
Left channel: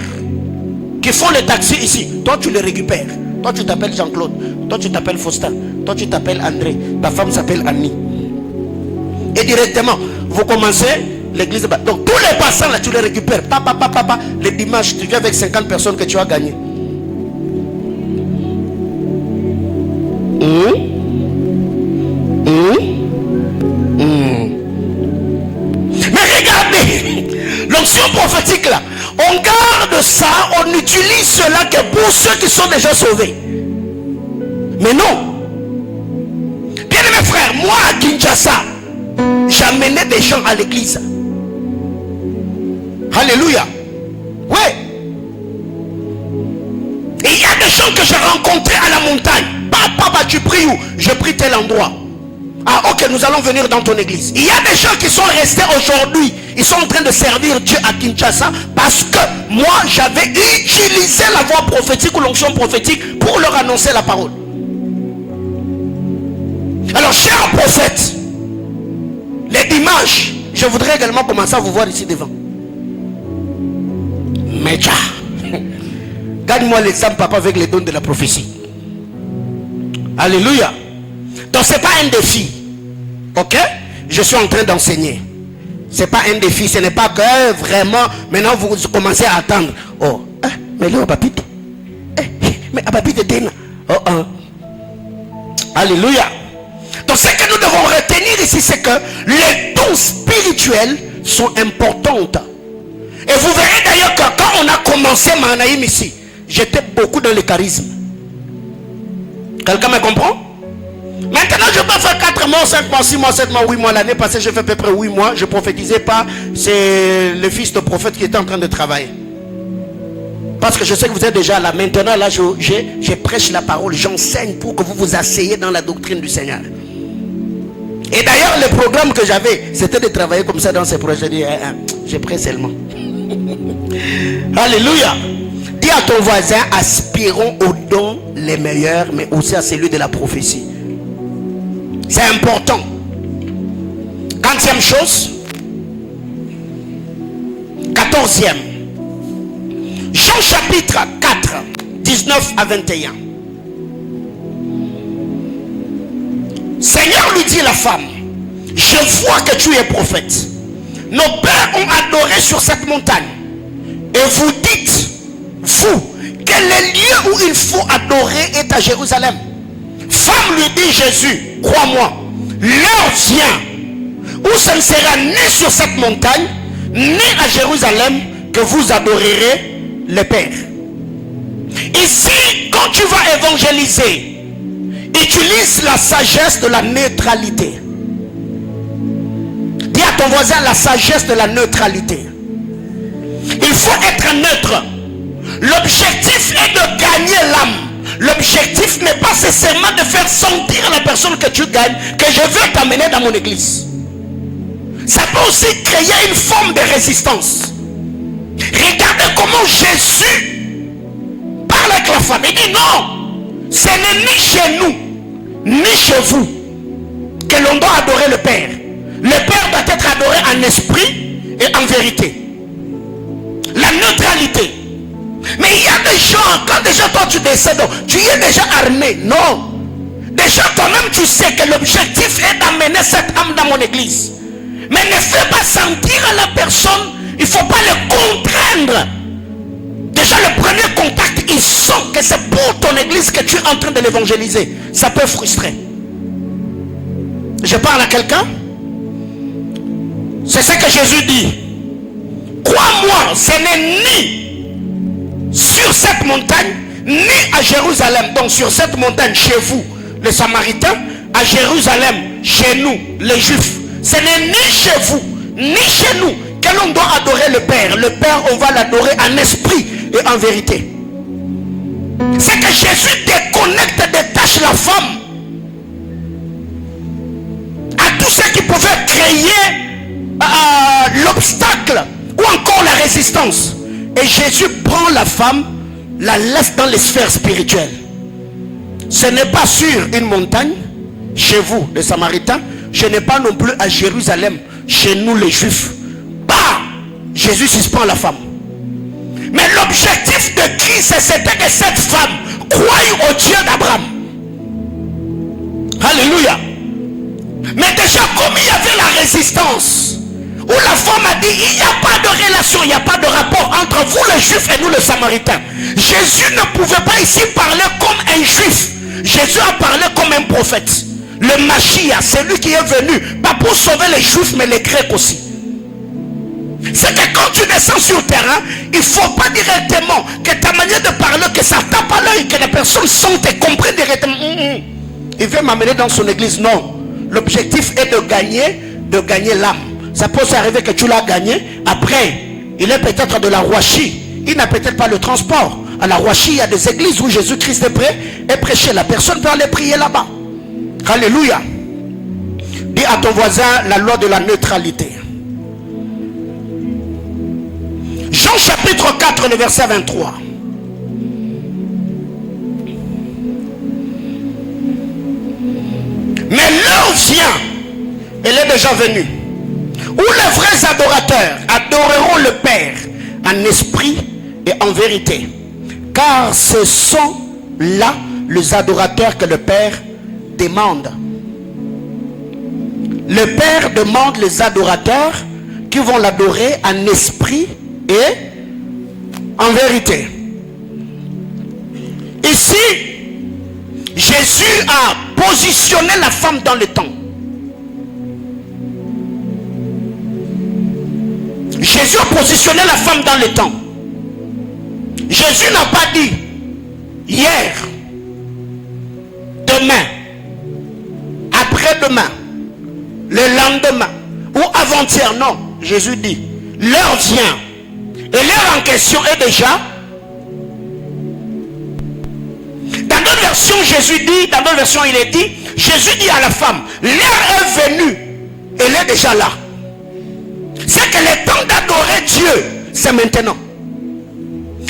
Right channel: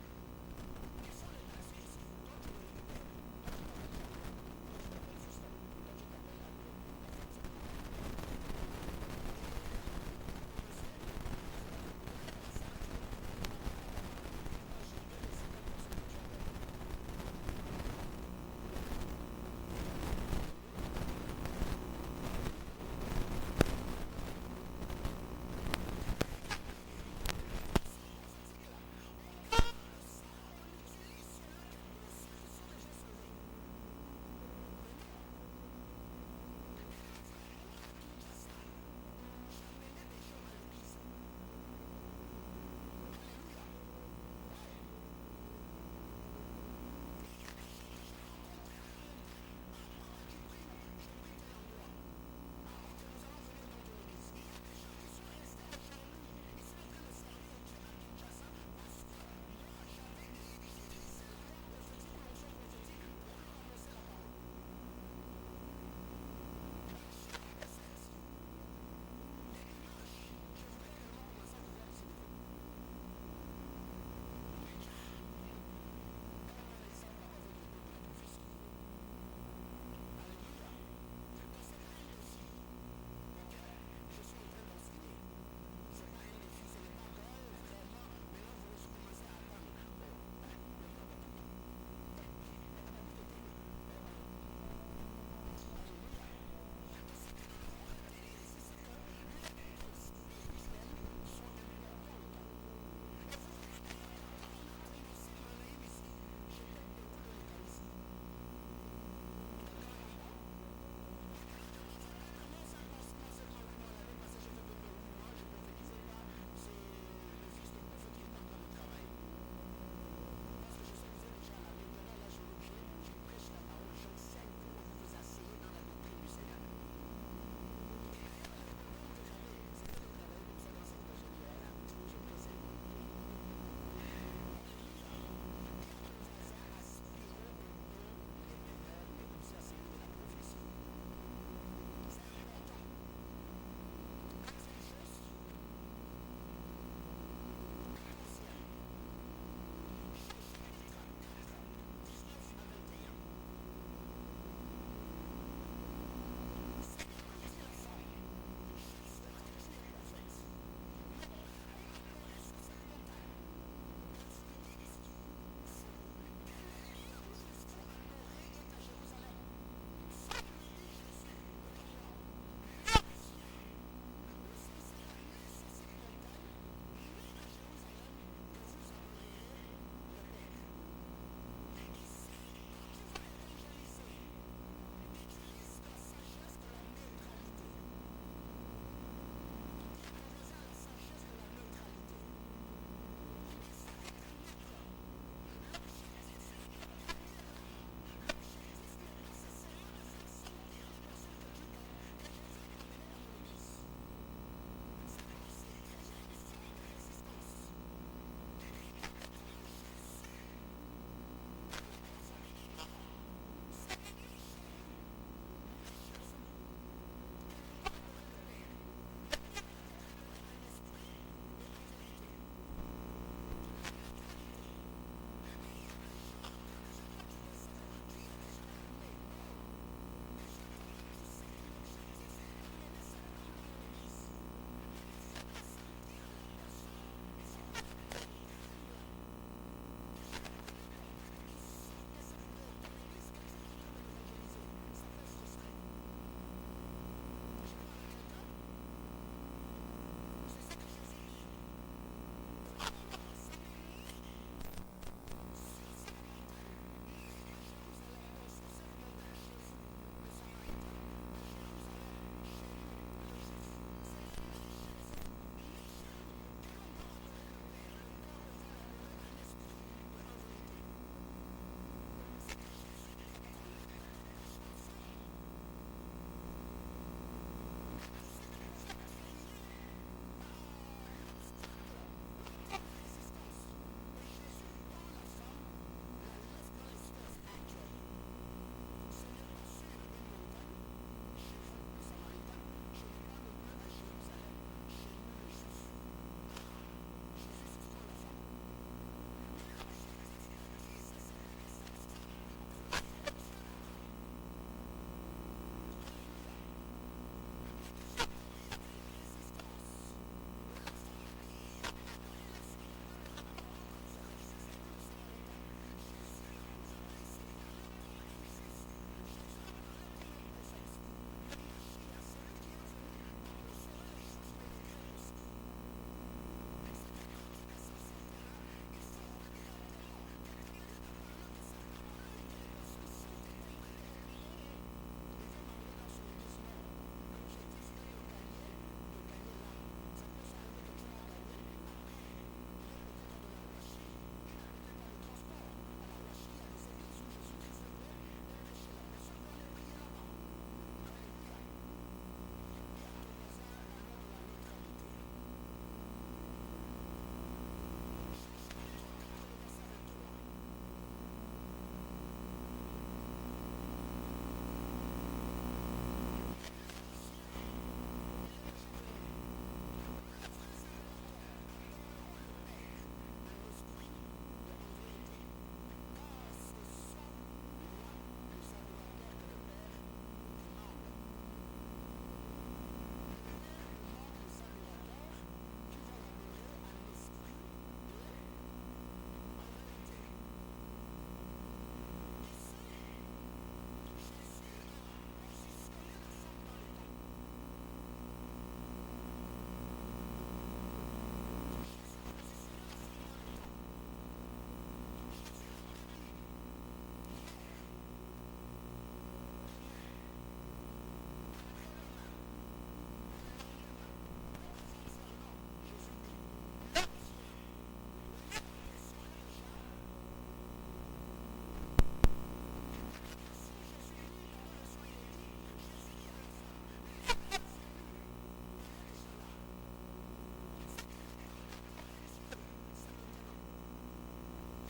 qui font le taxi ici. Toi, tu les récupères. Toi, tu t'appelles Jean-Claude. Toi, tu t'appelles Faustin. Toi, tu t'appelles André. Ta femme s'appelle Annie. Et directement, vous commencez l'église. Donc, tous les passants là, tu les récupères. Papa. Les dimanches, tu viens avec 50 personnes que tu as gagnées. Mais regardez, l'onction prophétique là, on garde ça, on utilise cela que pour ceux qui sont déjà sauvés. Mais non. Bien mes frères, moi à Kinshasa, j'amenais des gens à l'église. Alléluia. Ouais. Et il y a des gens que j'ai rencontrés à la montagne. Papa, tu pries où? Je prie tel endroit. Ah ok, nous allons venir dans ton église. Il y a des gens qui sont restés aujourd'hui. Ils sont en train de servir Dieu à Kinshasa parce que moi j'avais utilisé la voix prophétique ou l'onction prophétique pour leur annoncer la parole. Alors cher prophète, les dimanches, je voudrais également commencer à vous voir ici devant. Média. Gagne-moi l'exemple papa avec les dons de la prophétie. Alléluia. Donc c'est pas un défi. Ok? Je suis en train d'enseigner. C'est pas un défi. Ce n'est pas que vraiment maintenant vous commencez à attendre. Oh, mais là papit. Mais papit est alléluia. Donc ce que nous devons retenir ici, c'est que les dons spirituels sont importants. Et vous verrez d'ailleurs que quand on a commencé Manaïm ici, j'étais beaucoup dans le charisme. Quelqu'un me comprend? Maintenant je peux faire 4 mois, 5 mois, 6 mois, 7 mois, 8 mois. L'année passée j'ai fait à peu près 8 mois. Je ne prophétisais pas. C'est le fils de prophète qui était en train de travailler. Parce que je sais que vous êtes déjà là. Maintenant là je prêche la parole. J'enseigne pour que vous vous asseyez dans la doctrine du Seigneur. Et d'ailleurs le programme que j'avais, c'était de travailler comme ça dans ces projets. Je prie seulement. Alléluia. Dis à ton voisin, aspirons aux dons les meilleurs, mais aussi à celui de la prophétie. C'est important. 40e chose. 14e. Jean chapitre 4, 19 à 21. Seigneur lui dit à la femme, je vois que tu es prophète. Nos pères ont adoré sur cette montagne. Et vous dites, vous, que le lieu où il faut adorer est à Jérusalem. Femme lui dit Jésus, crois-moi, l'heure vient où ce ne sera ni sur cette montagne, ni à Jérusalem que vous adorerez le Père. Ici, quand tu vas évangéliser, utilise la sagesse de la neutralité. Dis à ton voisin la sagesse de la neutralité. Il faut être neutre. L'objectif est de gagner l'âme. L'objectif n'est pas nécessairement de faire sentir la personne que tu gagnes que je veux t'amener dans mon église. Ça peut aussi créer une forme de résistance. Regardez comment Jésus parle avec la femme. Il dit non, ce n'est ni chez nous, ni chez vous que l'on doit adorer le Père. Le Père doit être adoré en esprit et en vérité. La neutralité. Mais il y a des gens, quand déjà toi tu décèdes, tu es déjà armé. Non. Déjà toi-même tu sais que l'objectif est d'amener cette âme dans mon église. Mais ne fais pas sentir à la personne, il ne faut pas le contraindre. Déjà le premier contact, il sent que c'est pour ton église que tu es en train de l'évangéliser. Ça peut frustrer. Je parle à quelqu'un. C'est ce que Jésus dit. Crois-moi, ce n'est ni sur cette montagne, ni à Jérusalem. Donc sur cette montagne, chez vous, les Samaritains, à Jérusalem, chez nous, les Juifs. Ce n'est ni chez vous, ni chez nous, que l'on doit adorer le Père. Le Père, on va l'adorer en esprit et en vérité. C'est que Jésus déconnecte, détache la femme à tout ce qui pouvait créer l'obstacle ou encore la résistance. Et Jésus prend la femme, la laisse dans les sphères spirituelles. Ce n'est pas sur une montagne, chez vous, les Samaritains. Ce n'est pas non plus à Jérusalem, chez nous les Juifs. Bah, Jésus suspend la femme. Mais l'objectif de Christ, c'était que cette femme croie au Dieu d'Abraham. Alléluia. Mais déjà, comme il y avait la résistance, où la femme a dit, il n'y a pas de relation, il n'y a pas de rapport entre vous les Juifs et nous les Samaritains. Jésus ne pouvait pas ici parler comme un Juif. Jésus a parlé comme un prophète. Le Mashiach, c'est lui qui est venu, pas pour sauver les Juifs, mais les Grecs aussi. C'est que quand tu descends sur le terrain, il ne faut pas directement que ta manière de parler, que ça tape à l'œil, que les personnes sentent et comprennent directement. Il veut m'amener dans son église. Non. L'objectif est de gagner l'âme. Ça peut s'arriver que tu l'as gagné. Après, il est peut-être de la Rouachi. Il n'a peut-être pas le transport. À la Rouachi, il y a des églises où Jésus-Christ est prêché. La personne peut aller prier là-bas. Alléluia. Dis à ton voisin la loi de la neutralité. Jean chapitre 4, le verset 23. Mais l'heure vient, elle est déjà venue, où les vrais adorateurs adoreront le Père en esprit et en vérité. Car ce sont là les adorateurs que le Père demande. Le Père demande les adorateurs qui vont l'adorer en esprit et en vérité. Ici, Jésus a positionné la femme dans le temps. Jésus a positionné la femme dans le temps. Jésus n'a pas dit hier, demain, après-demain, le lendemain ou avant-hier. Non, Jésus dit l'heure vient. Et l'heure en question est déjà. Dans d'autres versions, Jésus dit, dans d'autres versions, il est dit, Jésus dit à la femme, l'heure est venue, elle est déjà là. C'est que le temps d'adorer Dieu, c'est maintenant.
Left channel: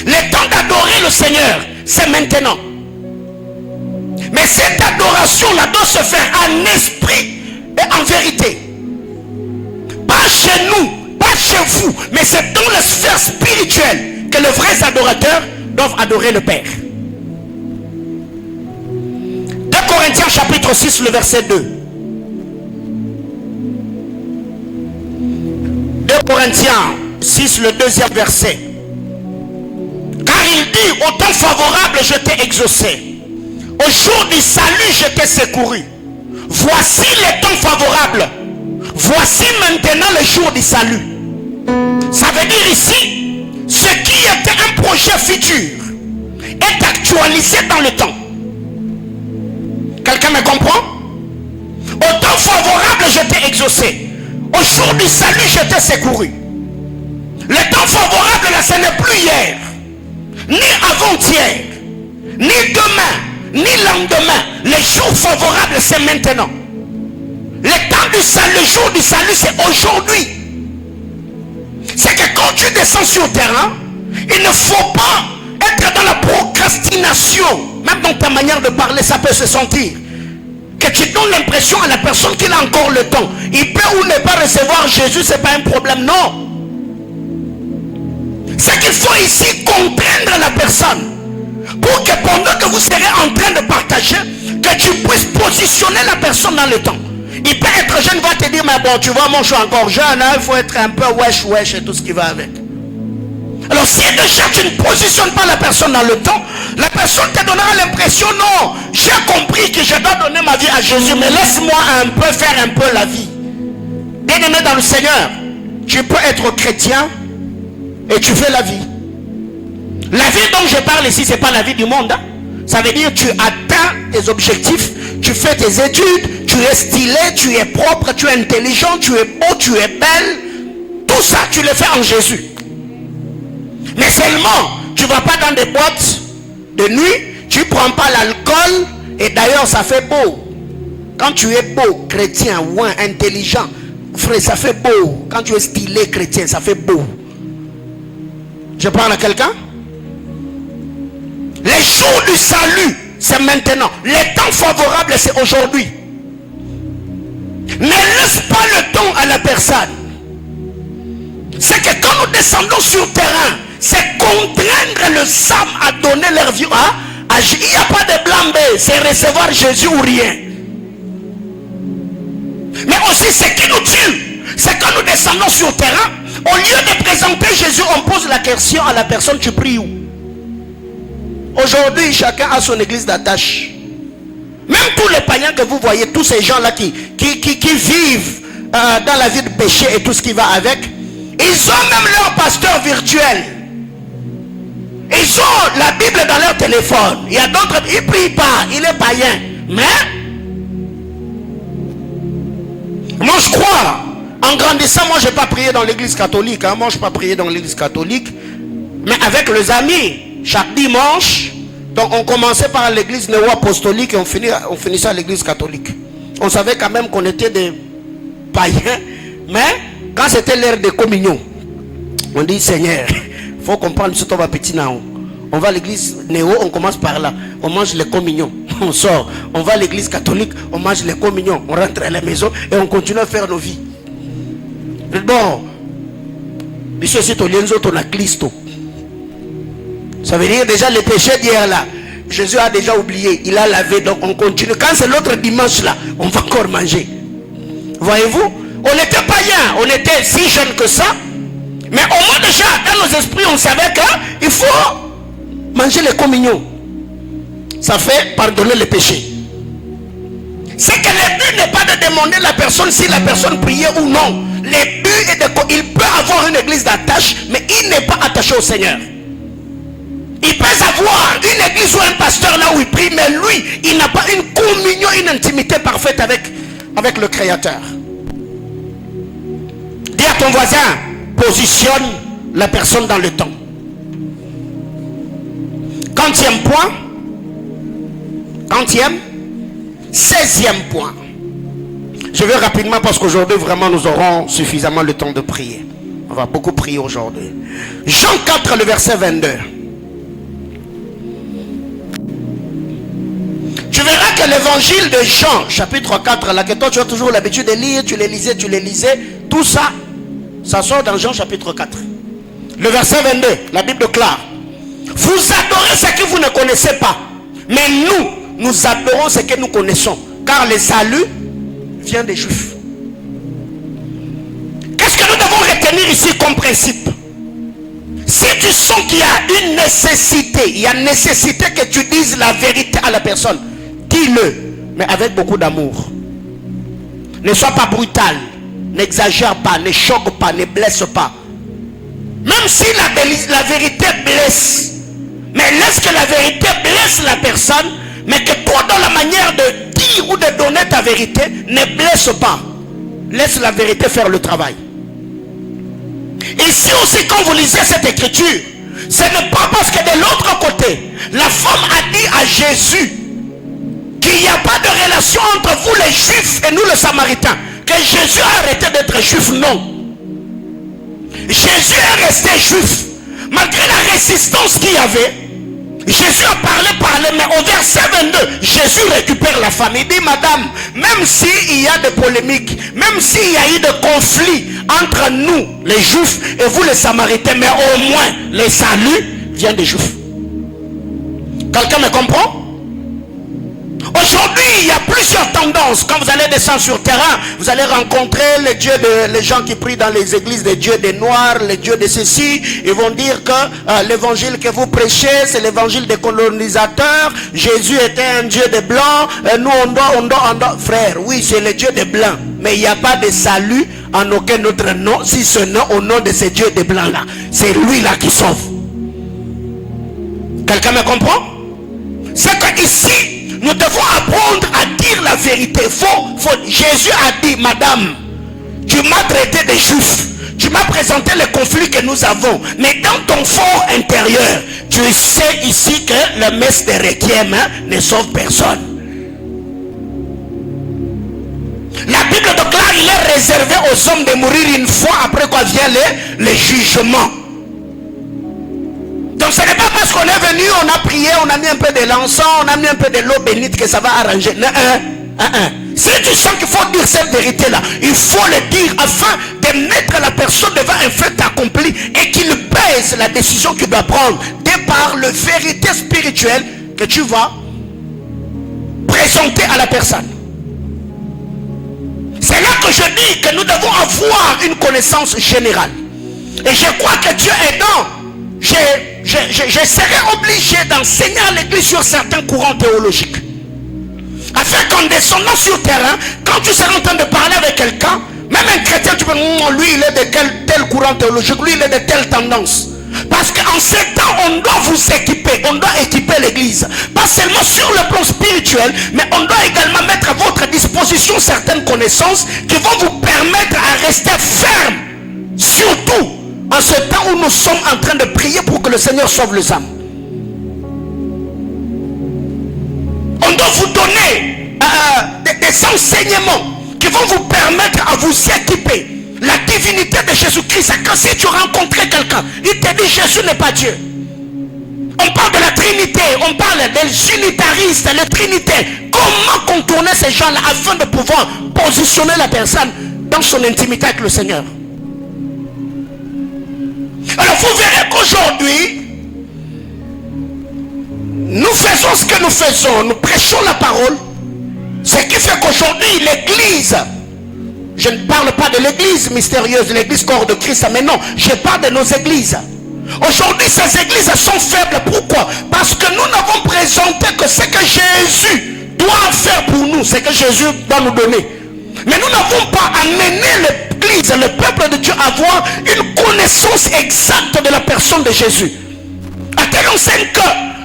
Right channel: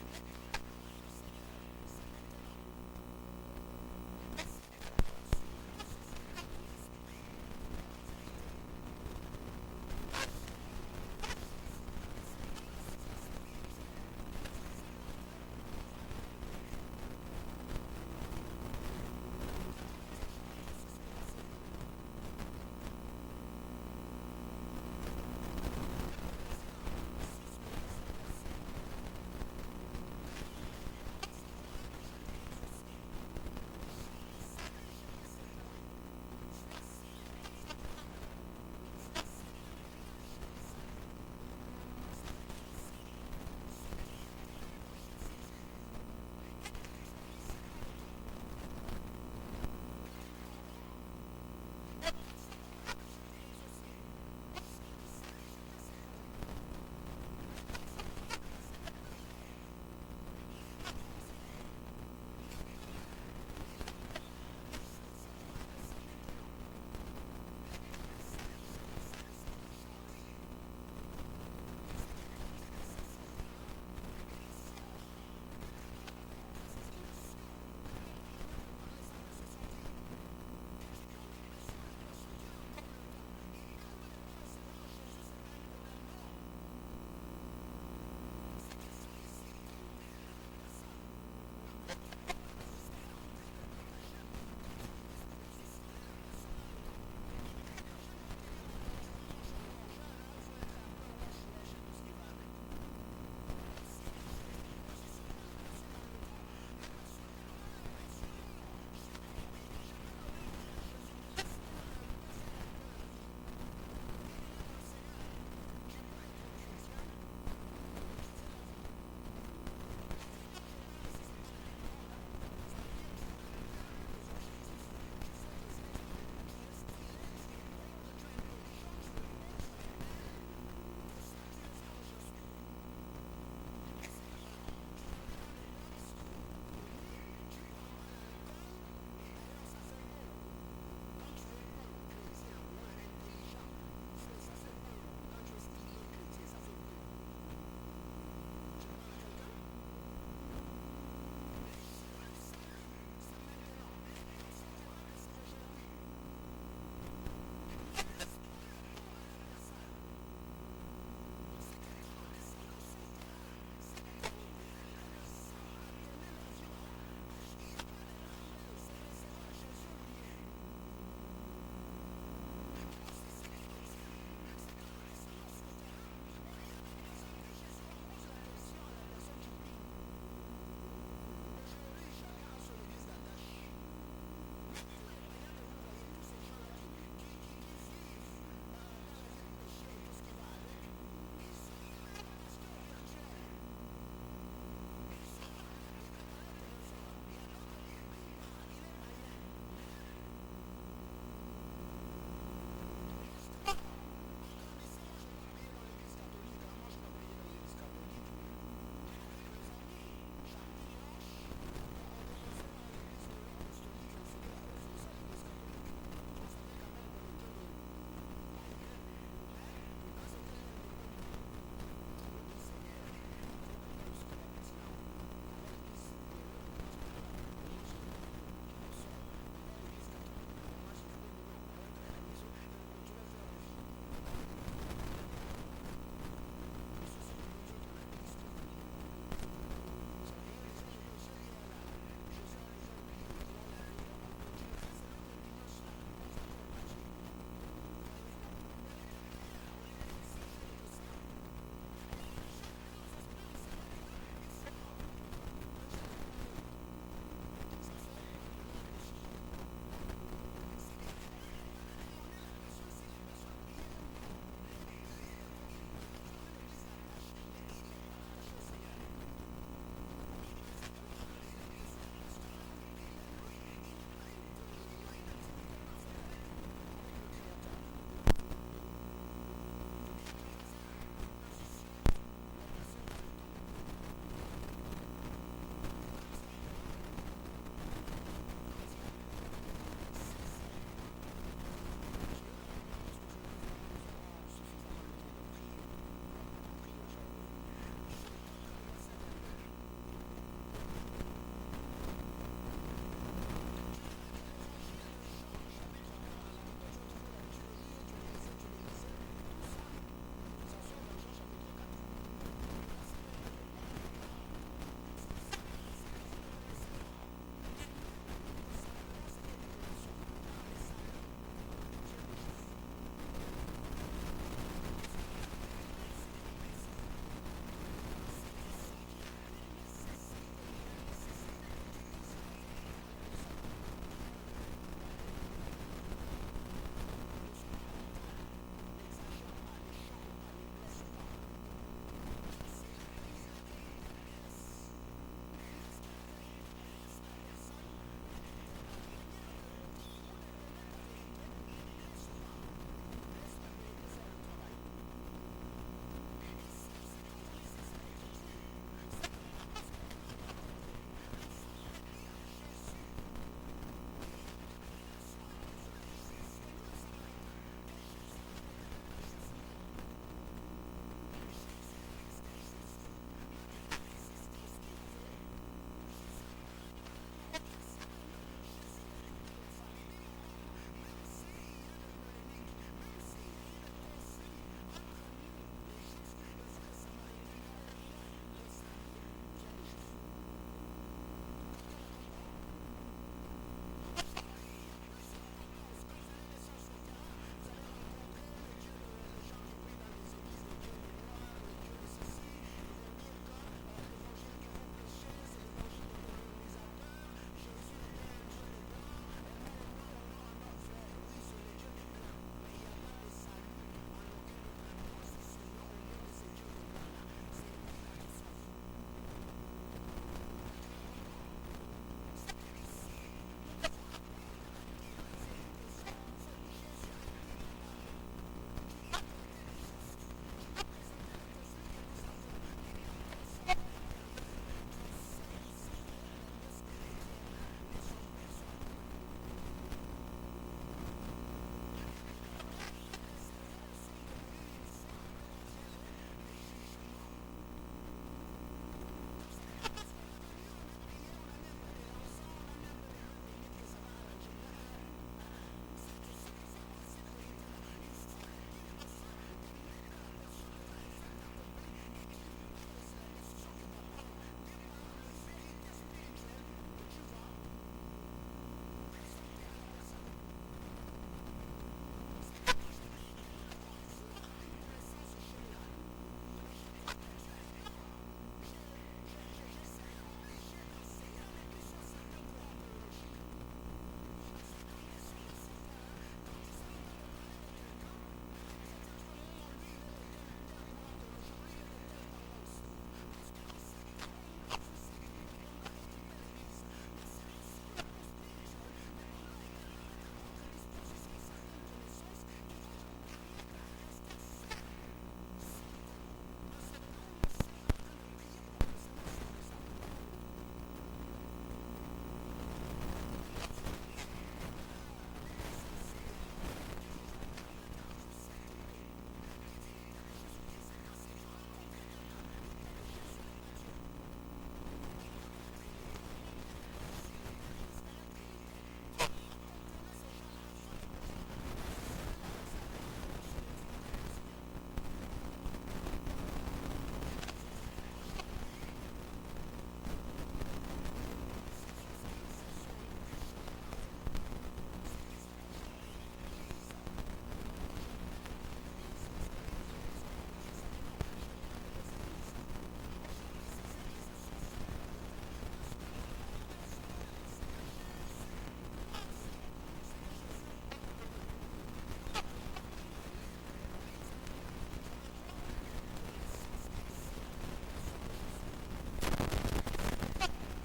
Le temps d'adorer le Seigneur, c'est maintenant. Mais cette adoration-là doit se faire en esprit et en vérité. Pas chez nous, pas chez vous, mais c'est dans la sphère spirituelle que les vrais adorateurs doivent adorer le Père. 2 Corinthiens chapitre 6, le verset 2. 2 Corinthiens 6, le deuxième verset. Car il dit, au temps favorable je t'ai exaucé, au jour du salut je t'ai secouru. Voici les temps favorables, voici maintenant le jour du salut. Ça veut dire ici, ce qui était un projet futur est actualisé dans le temps. Quelqu'un me comprend? Au temps favorable je t'ai exaucé, au jour du salut je t'ai secouru. Le temps favorable là, ce n'est plus hier, ni avant-hier, ni demain, ni lendemain. Les jours favorables, c'est maintenant. Le temps du salut, le jour du salut, c'est aujourd'hui. C'est que quand tu descends sur le terrain, il ne faut pas être dans la procrastination. Même dans ta manière de parler, ça peut se sentir. Que tu donnes l'impression à la personne qu'il a encore le temps. Il peut ou ne pas recevoir Jésus, ce n'est pas un problème. Non. C'est qu'il faut ici contraindre la personne. Pour que pendant que vous serez en train de partager, que tu puisses positionner la personne dans le temps. Il peut être jeune, va te dire, mais bon, tu vois, moi je suis encore jeune, hein, il faut être un peu wesh et tout ce qui va avec. Alors si déjà tu ne positionnes pas la personne dans le temps, la personne te donnera l'impression, non, j'ai compris que je dois donner ma vie à Jésus, mais laisse-moi un peu faire un peu la vie. Bien-aimé dans le Seigneur, tu peux être chrétien et tu fais la vie. La vie dont je parle ici, ce n'est pas la vie du monde. Hein? Ça veut dire que tu atteins tes objectifs, tu fais tes études, tu es stylé, tu es propre, tu es intelligent, tu es beau, tu es belle. Tout ça, tu le fais en Jésus. Mais seulement, tu ne vas pas dans des boîtes de nuit, tu ne prends pas l'alcool, et d'ailleurs, ça fait beau. Quand tu es beau, chrétien, ou intelligent, frère, ça fait beau. Quand tu es stylé, chrétien, ça fait beau. Je parle à quelqu'un? Les jours du salut, c'est maintenant. Les temps favorables, c'est aujourd'hui. Ne laisse pas le temps à la personne. C'est que quand nous descendons sur le terrain, c'est contraindre le SAM à donner leur vie. Il n'y a pas de blanc-bé, c'est recevoir Jésus ou rien. Mais aussi, ce qui nous tue, c'est quand nous descendons sur le terrain, au lieu de présenter Jésus, on pose la question à la personne: tu pries où? Aujourd'hui, chacun a son église d'attache. Même tous les païens que vous voyez, tous ces gens-là qui vivent dans la vie de péché et tout ce qui va avec, ils ont même leur pasteur virtuel. Ils ont la Bible dans leur téléphone. Il y a d'autres, ils ne prient pas, il est païen. Mais moi je crois, en grandissant, moi je n'ai pas prié dans l'église catholique. Moi je n'ai pas prié dans l'église catholique. Mais avec les amis, chaque dimanche, donc on commençait par l'église néo-apostolique et on finissait à l'église catholique. On savait quand même qu'on était des païens. Mais quand c'était l'heure de communion, on dit: Seigneur, il faut comprendre ce qu'on va petit now. On va à l'église néo, on commence par là. On mange les communions, on sort. On va à l'église catholique, on mange les communions. On rentre à la maison et on continue à faire nos vies. Bon, monsieur, c'est au lienzo ton a Christo. Ça veut dire déjà les péchés d'hier là, Jésus a déjà oublié, il a lavé, donc on continue. Quand c'est l'autre dimanche là, on va encore manger. Voyez-vous, on était païens, on était si jeunes que ça. Mais au moins déjà, dans nos esprits, on savait qu'il faut manger les communions. Ça fait pardonner les péchés. C'est que le but n'est pas de demander à la personne si la personne priait ou non. Le but est il peut avoir une église d'attache, mais il n'est pas attaché au Seigneur. Il peut avoir une église ou un pasteur là où il prie, mais lui, il n'a pas une communion, une intimité parfaite avec le Créateur. Dis à ton voisin: positionne la personne dans le temps. 16e point. Je vais rapidement parce qu'aujourd'hui vraiment nous aurons suffisamment le temps de prier. On va beaucoup prier aujourd'hui. Jean 4, le verset 22. Tu verras que l'évangile de Jean, chapitre 4, là que toi tu as toujours l'habitude de lire, tu les lisais, tout ça, ça sort dans Jean chapitre 4. Le verset 22, la Bible déclare: vous adorez ce que vous ne connaissez pas, mais nous adorons ce que nous connaissons, car le salut vient des Juifs. Qu'est-ce que nous devons retenir ici comme principe? Si tu sens qu'il y a une nécessité, il y a nécessité que tu dises la vérité à la personne, dis-le, mais avec beaucoup d'amour. Ne sois pas brutal, n'exagère pas, ne choque pas, ne blesse pas. Même si la vérité blesse, mais laisse que la vérité blesse la personne, mais que toi dans la manière de dire ou de donner ta vérité, ne blesse pas. Laisse la vérité faire le travail. Ici aussi, quand vous lisez cette écriture, ce n'est pas parce que de l'autre côté, la femme a dit à Jésus qu'il n'y a pas de relation entre vous les Juifs et nous les Samaritains, que Jésus a arrêté d'être Juif. Non. Jésus est resté Juif. Malgré la résistance qu'il y avait, Jésus a parlé, mais au verset 22, Jésus récupère la femme. Il dit: madame, même s'il y a des polémiques, même s'il y a eu des conflits entre nous, les Juifs, et vous les Samaritains, mais au moins, le salut vient des Juifs. Quelqu'un me comprend? Aujourd'hui, il y a plusieurs tendances. Quand vous allez descendre sur le terrain, vous allez rencontrer les gens qui prient dans les églises, des dieux des Noirs, les dieux de ceci. Ils vont dire que l'évangile que vous prêchez, c'est l'évangile des colonisateurs. Jésus était un dieu des Blancs. Nous, on doit. Frère, oui, c'est le dieu des Blancs. Mais il n'y a pas de salut en aucun autre nom, si ce n'est au nom de ces dieux des Blancs-là. C'est lui-là qui sauve. Quelqu'un me comprend? C'est qu'ici, nous devons apprendre à dire la vérité. Jésus a dit: madame, tu m'as traité de Juif, tu m'as présenté les conflits que nous avons, mais dans ton fort intérieur, tu sais ici que le messe de requiem ne sauve personne. La Bible déclare qu'il est réservé aux hommes de mourir une fois, après quoi vient le jugement. Donc ce n'est pas parce qu'on est venu, on a prié, on a mis un peu de l'encens, on a mis un peu de l'eau bénite que ça va arranger. Non, Si tu sens qu'il faut dire cette vérité-là, il faut le dire afin de mettre la personne devant un fait accompli et qu'il pèse la décision qu'il doit prendre de par la vérité spirituelle que tu vas présenter à la personne. C'est là que je dis que nous devons avoir une connaissance générale. Et je crois que Dieu aidant, je serai obligé d'enseigner à l'église sur certains courants théologiques. Afin qu'en descendant sur terrain, quand tu seras en train de parler avec quelqu'un, même un chrétien, tu peux dire, lui il est de tel courant théologique, lui il est de telle tendance. Parce qu'en ces temps, on doit vous équiper, on doit équiper l'église. Pas seulement sur le plan spirituel, mais on doit également mettre à votre disposition certaines connaissances qui vont vous permettre à rester ferme. Surtout en ce temps où nous sommes en train de prier pour que le Seigneur sauve les âmes. On doit vous donner des enseignements qui vont vous permettre à vous équiper. La divinité de Jésus-Christ, quand si tu rencontrais quelqu'un, il te dit Jésus n'est pas Dieu. On parle de la Trinité, on parle des unitaristes, les Trinités. Comment contourner ces gens-là afin de pouvoir positionner la personne dans son intimité avec le Seigneur? Alors vous verrez qu'aujourd'hui, nous faisons ce que nous faisons, nous prêchons la parole. Ce qui fait qu'aujourd'hui l'église, je ne parle pas de l'église mystérieuse, l'église corps de Christ, mais non, je parle de nos églises. Aujourd'hui ces églises sont faibles. Pourquoi? Parce que nous n'avons présenté que ce que Jésus doit faire pour nous, ce que Jésus doit nous donner. Mais nous n'avons pas amené l'église, le peuple de Dieu à avoir une connaissance exacte de la personne de Jésus. À tel enseigne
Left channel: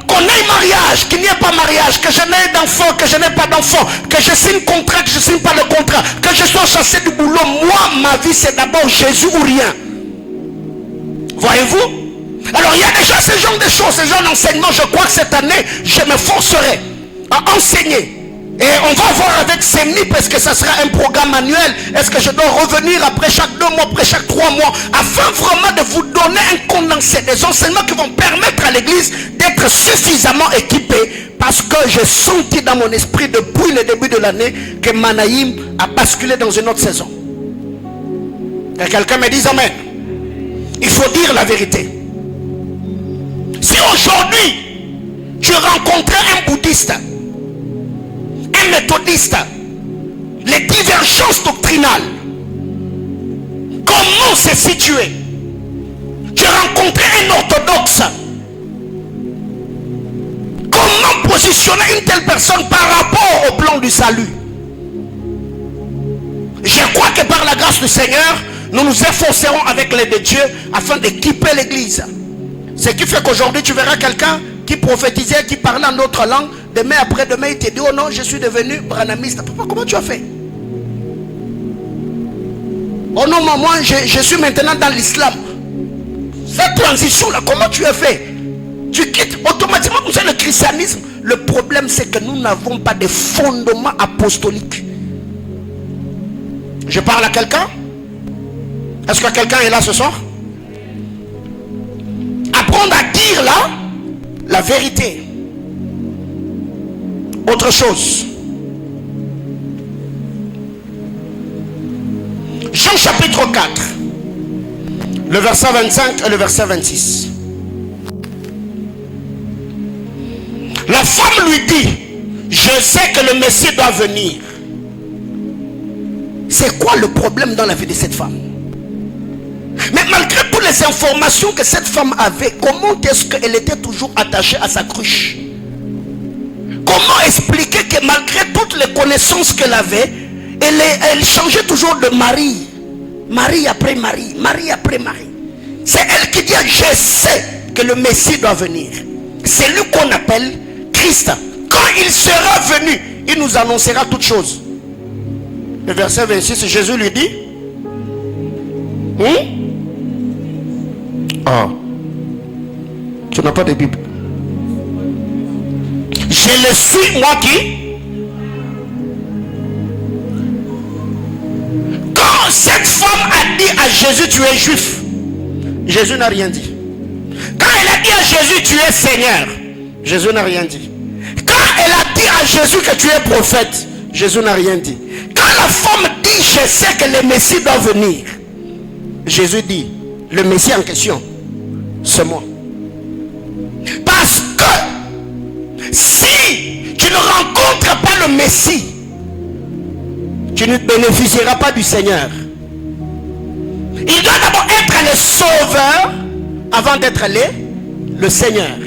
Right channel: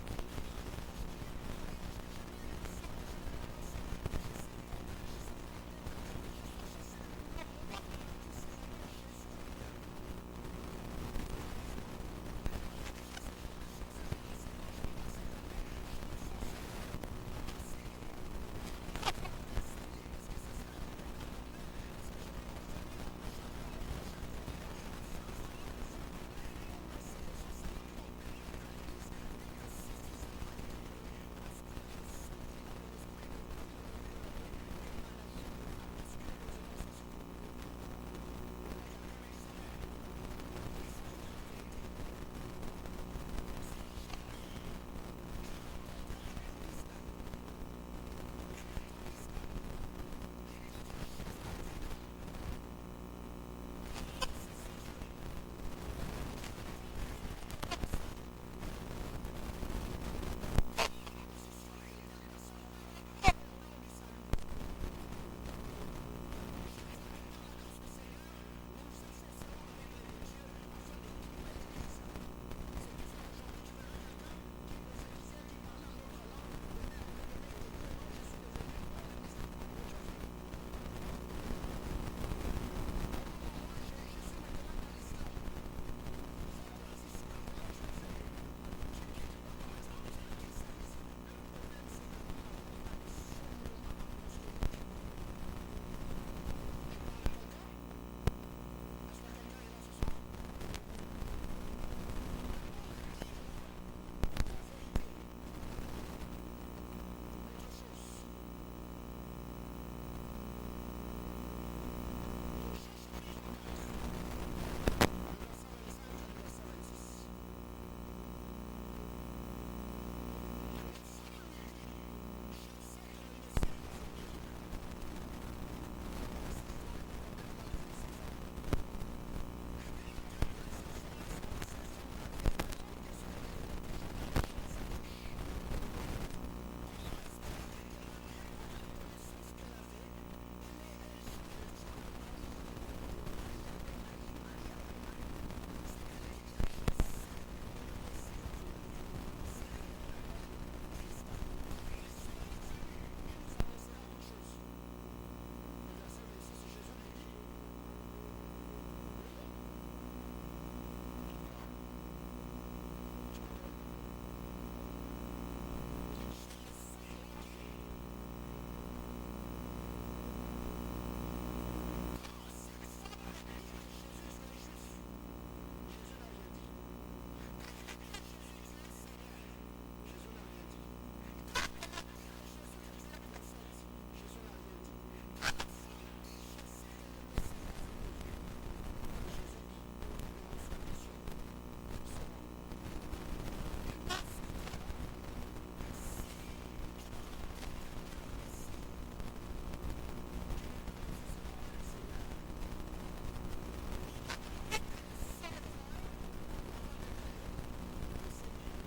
qu'on ait mariage, qu'il n'y ait pas mariage, que je n'ai d'enfant, que je n'ai pas d'enfant, que je signe contrat, que je ne signe pas le contrat, que je sois chassé du boulot. Moi, ma vie, c'est d'abord Jésus ou rien. Voyez-vous? Alors, il y a déjà ce genre de choses, ce genre d'enseignement. Je crois que cette année, je me forcerai à enseigner. Et on va voir avec Semni, parce que ça sera un programme annuel. Est-ce que je dois revenir après chaque 2 mois, après chaque 3 mois, afin vraiment de vous donner un condensé, des enseignements qui vont permettre à l'église d'être suffisamment équipée. Parce que j'ai senti dans mon esprit depuis le début de l'année que Manaïm a basculé dans une autre saison. Que quelqu'un me dise amen. Il faut dire la vérité. Si aujourd'hui tu rencontrais un bouddhiste, un méthodiste, les divergences doctrinales, comment se situer? Tu rencontrais un orthodoxe, comment positionner une telle personne par rapport au plan du salut? Je crois que par la grâce du Seigneur, nous nous efforcerons avec l'aide de Dieu afin d'équiper l'église. Ce qui fait qu'aujourd'hui tu verras quelqu'un qui prophétisait, qui parlait en autre langue. Demain après-demain, il te dit, oh non, je suis devenu branhamiste. Papa, comment tu as fait? Oh non, moi, je suis maintenant dans l'islam. Cette transition-là, comment tu as fait? Tu quittes automatiquement comme ça le christianisme. Le problème, c'est que nous n'avons pas de fondement apostolique. Je parle à quelqu'un? Est-ce que quelqu'un est là ce soir? Apprendre à dire là la vérité. Autre chose. Jean chapitre 4, le verset 25 et le verset 26. La femme lui dit, je sais que le Messie doit venir. C'est quoi le problème dans la vie de cette femme? Mais malgré toutes les informations que cette femme avait, comment est-ce qu'elle était toujours attachée à sa cruche? Comment expliquer que malgré toutes les connaissances qu'elle avait, elle changeait toujours de mari? Mari après mari, mari après mari. C'est elle qui dit, je sais que le Messie doit venir. C'est lui qu'on appelle Christ. Quand il sera venu, il nous annoncera toutes choses. Le verset 26, Jésus lui dit, tu n'as pas de Bible. Je le suis, moi qui. Quand cette femme a dit à Jésus, tu es juif, Jésus n'a rien dit. Quand elle a dit à Jésus, tu es Seigneur, Jésus n'a rien dit. Quand elle a dit à Jésus que tu es prophète, Jésus n'a rien dit. Quand la femme dit, je sais que le Messie doit venir, Jésus dit, le Messie en question, c'est moi. Parce que si tu ne rencontres pas le Messie, tu ne bénéficieras pas du Seigneur. Il doit d'abord être le sauveur avant d'être le Seigneur.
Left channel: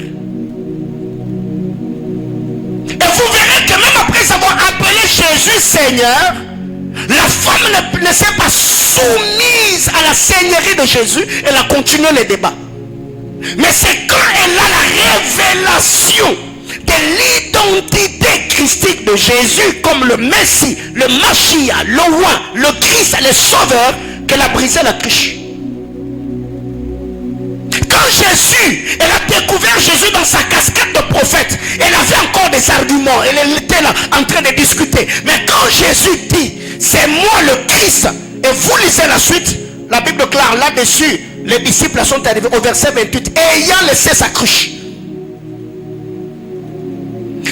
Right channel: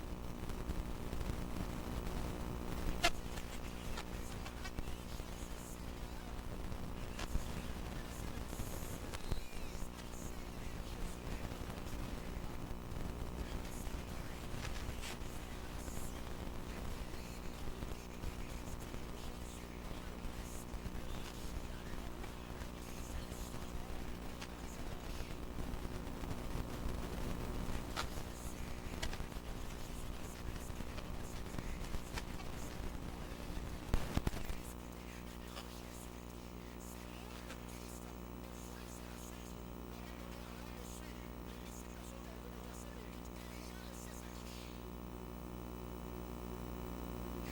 Et vous verrez que même après avoir appelé Jésus Seigneur, la femme ne s'est pas soumise à la seigneurie de Jésus. Elle a continué le débat. Mais c'est quand elle a la révélation de l'identité christique de Jésus comme le Messie, le Mashiach, le roi, le Christ, le sauveur, qu'elle a brisé la triche. Quand Jésus, elle a découvert Jésus dans sa casquette de prophète, elle avait encore des arguments, elle était là en train de discuter. Mais quand Jésus dit, c'est moi le Christ, et vous lisez la suite, la Bible déclare là-dessus, les disciples sont arrivés au verset 28, ayant laissé sa cruche.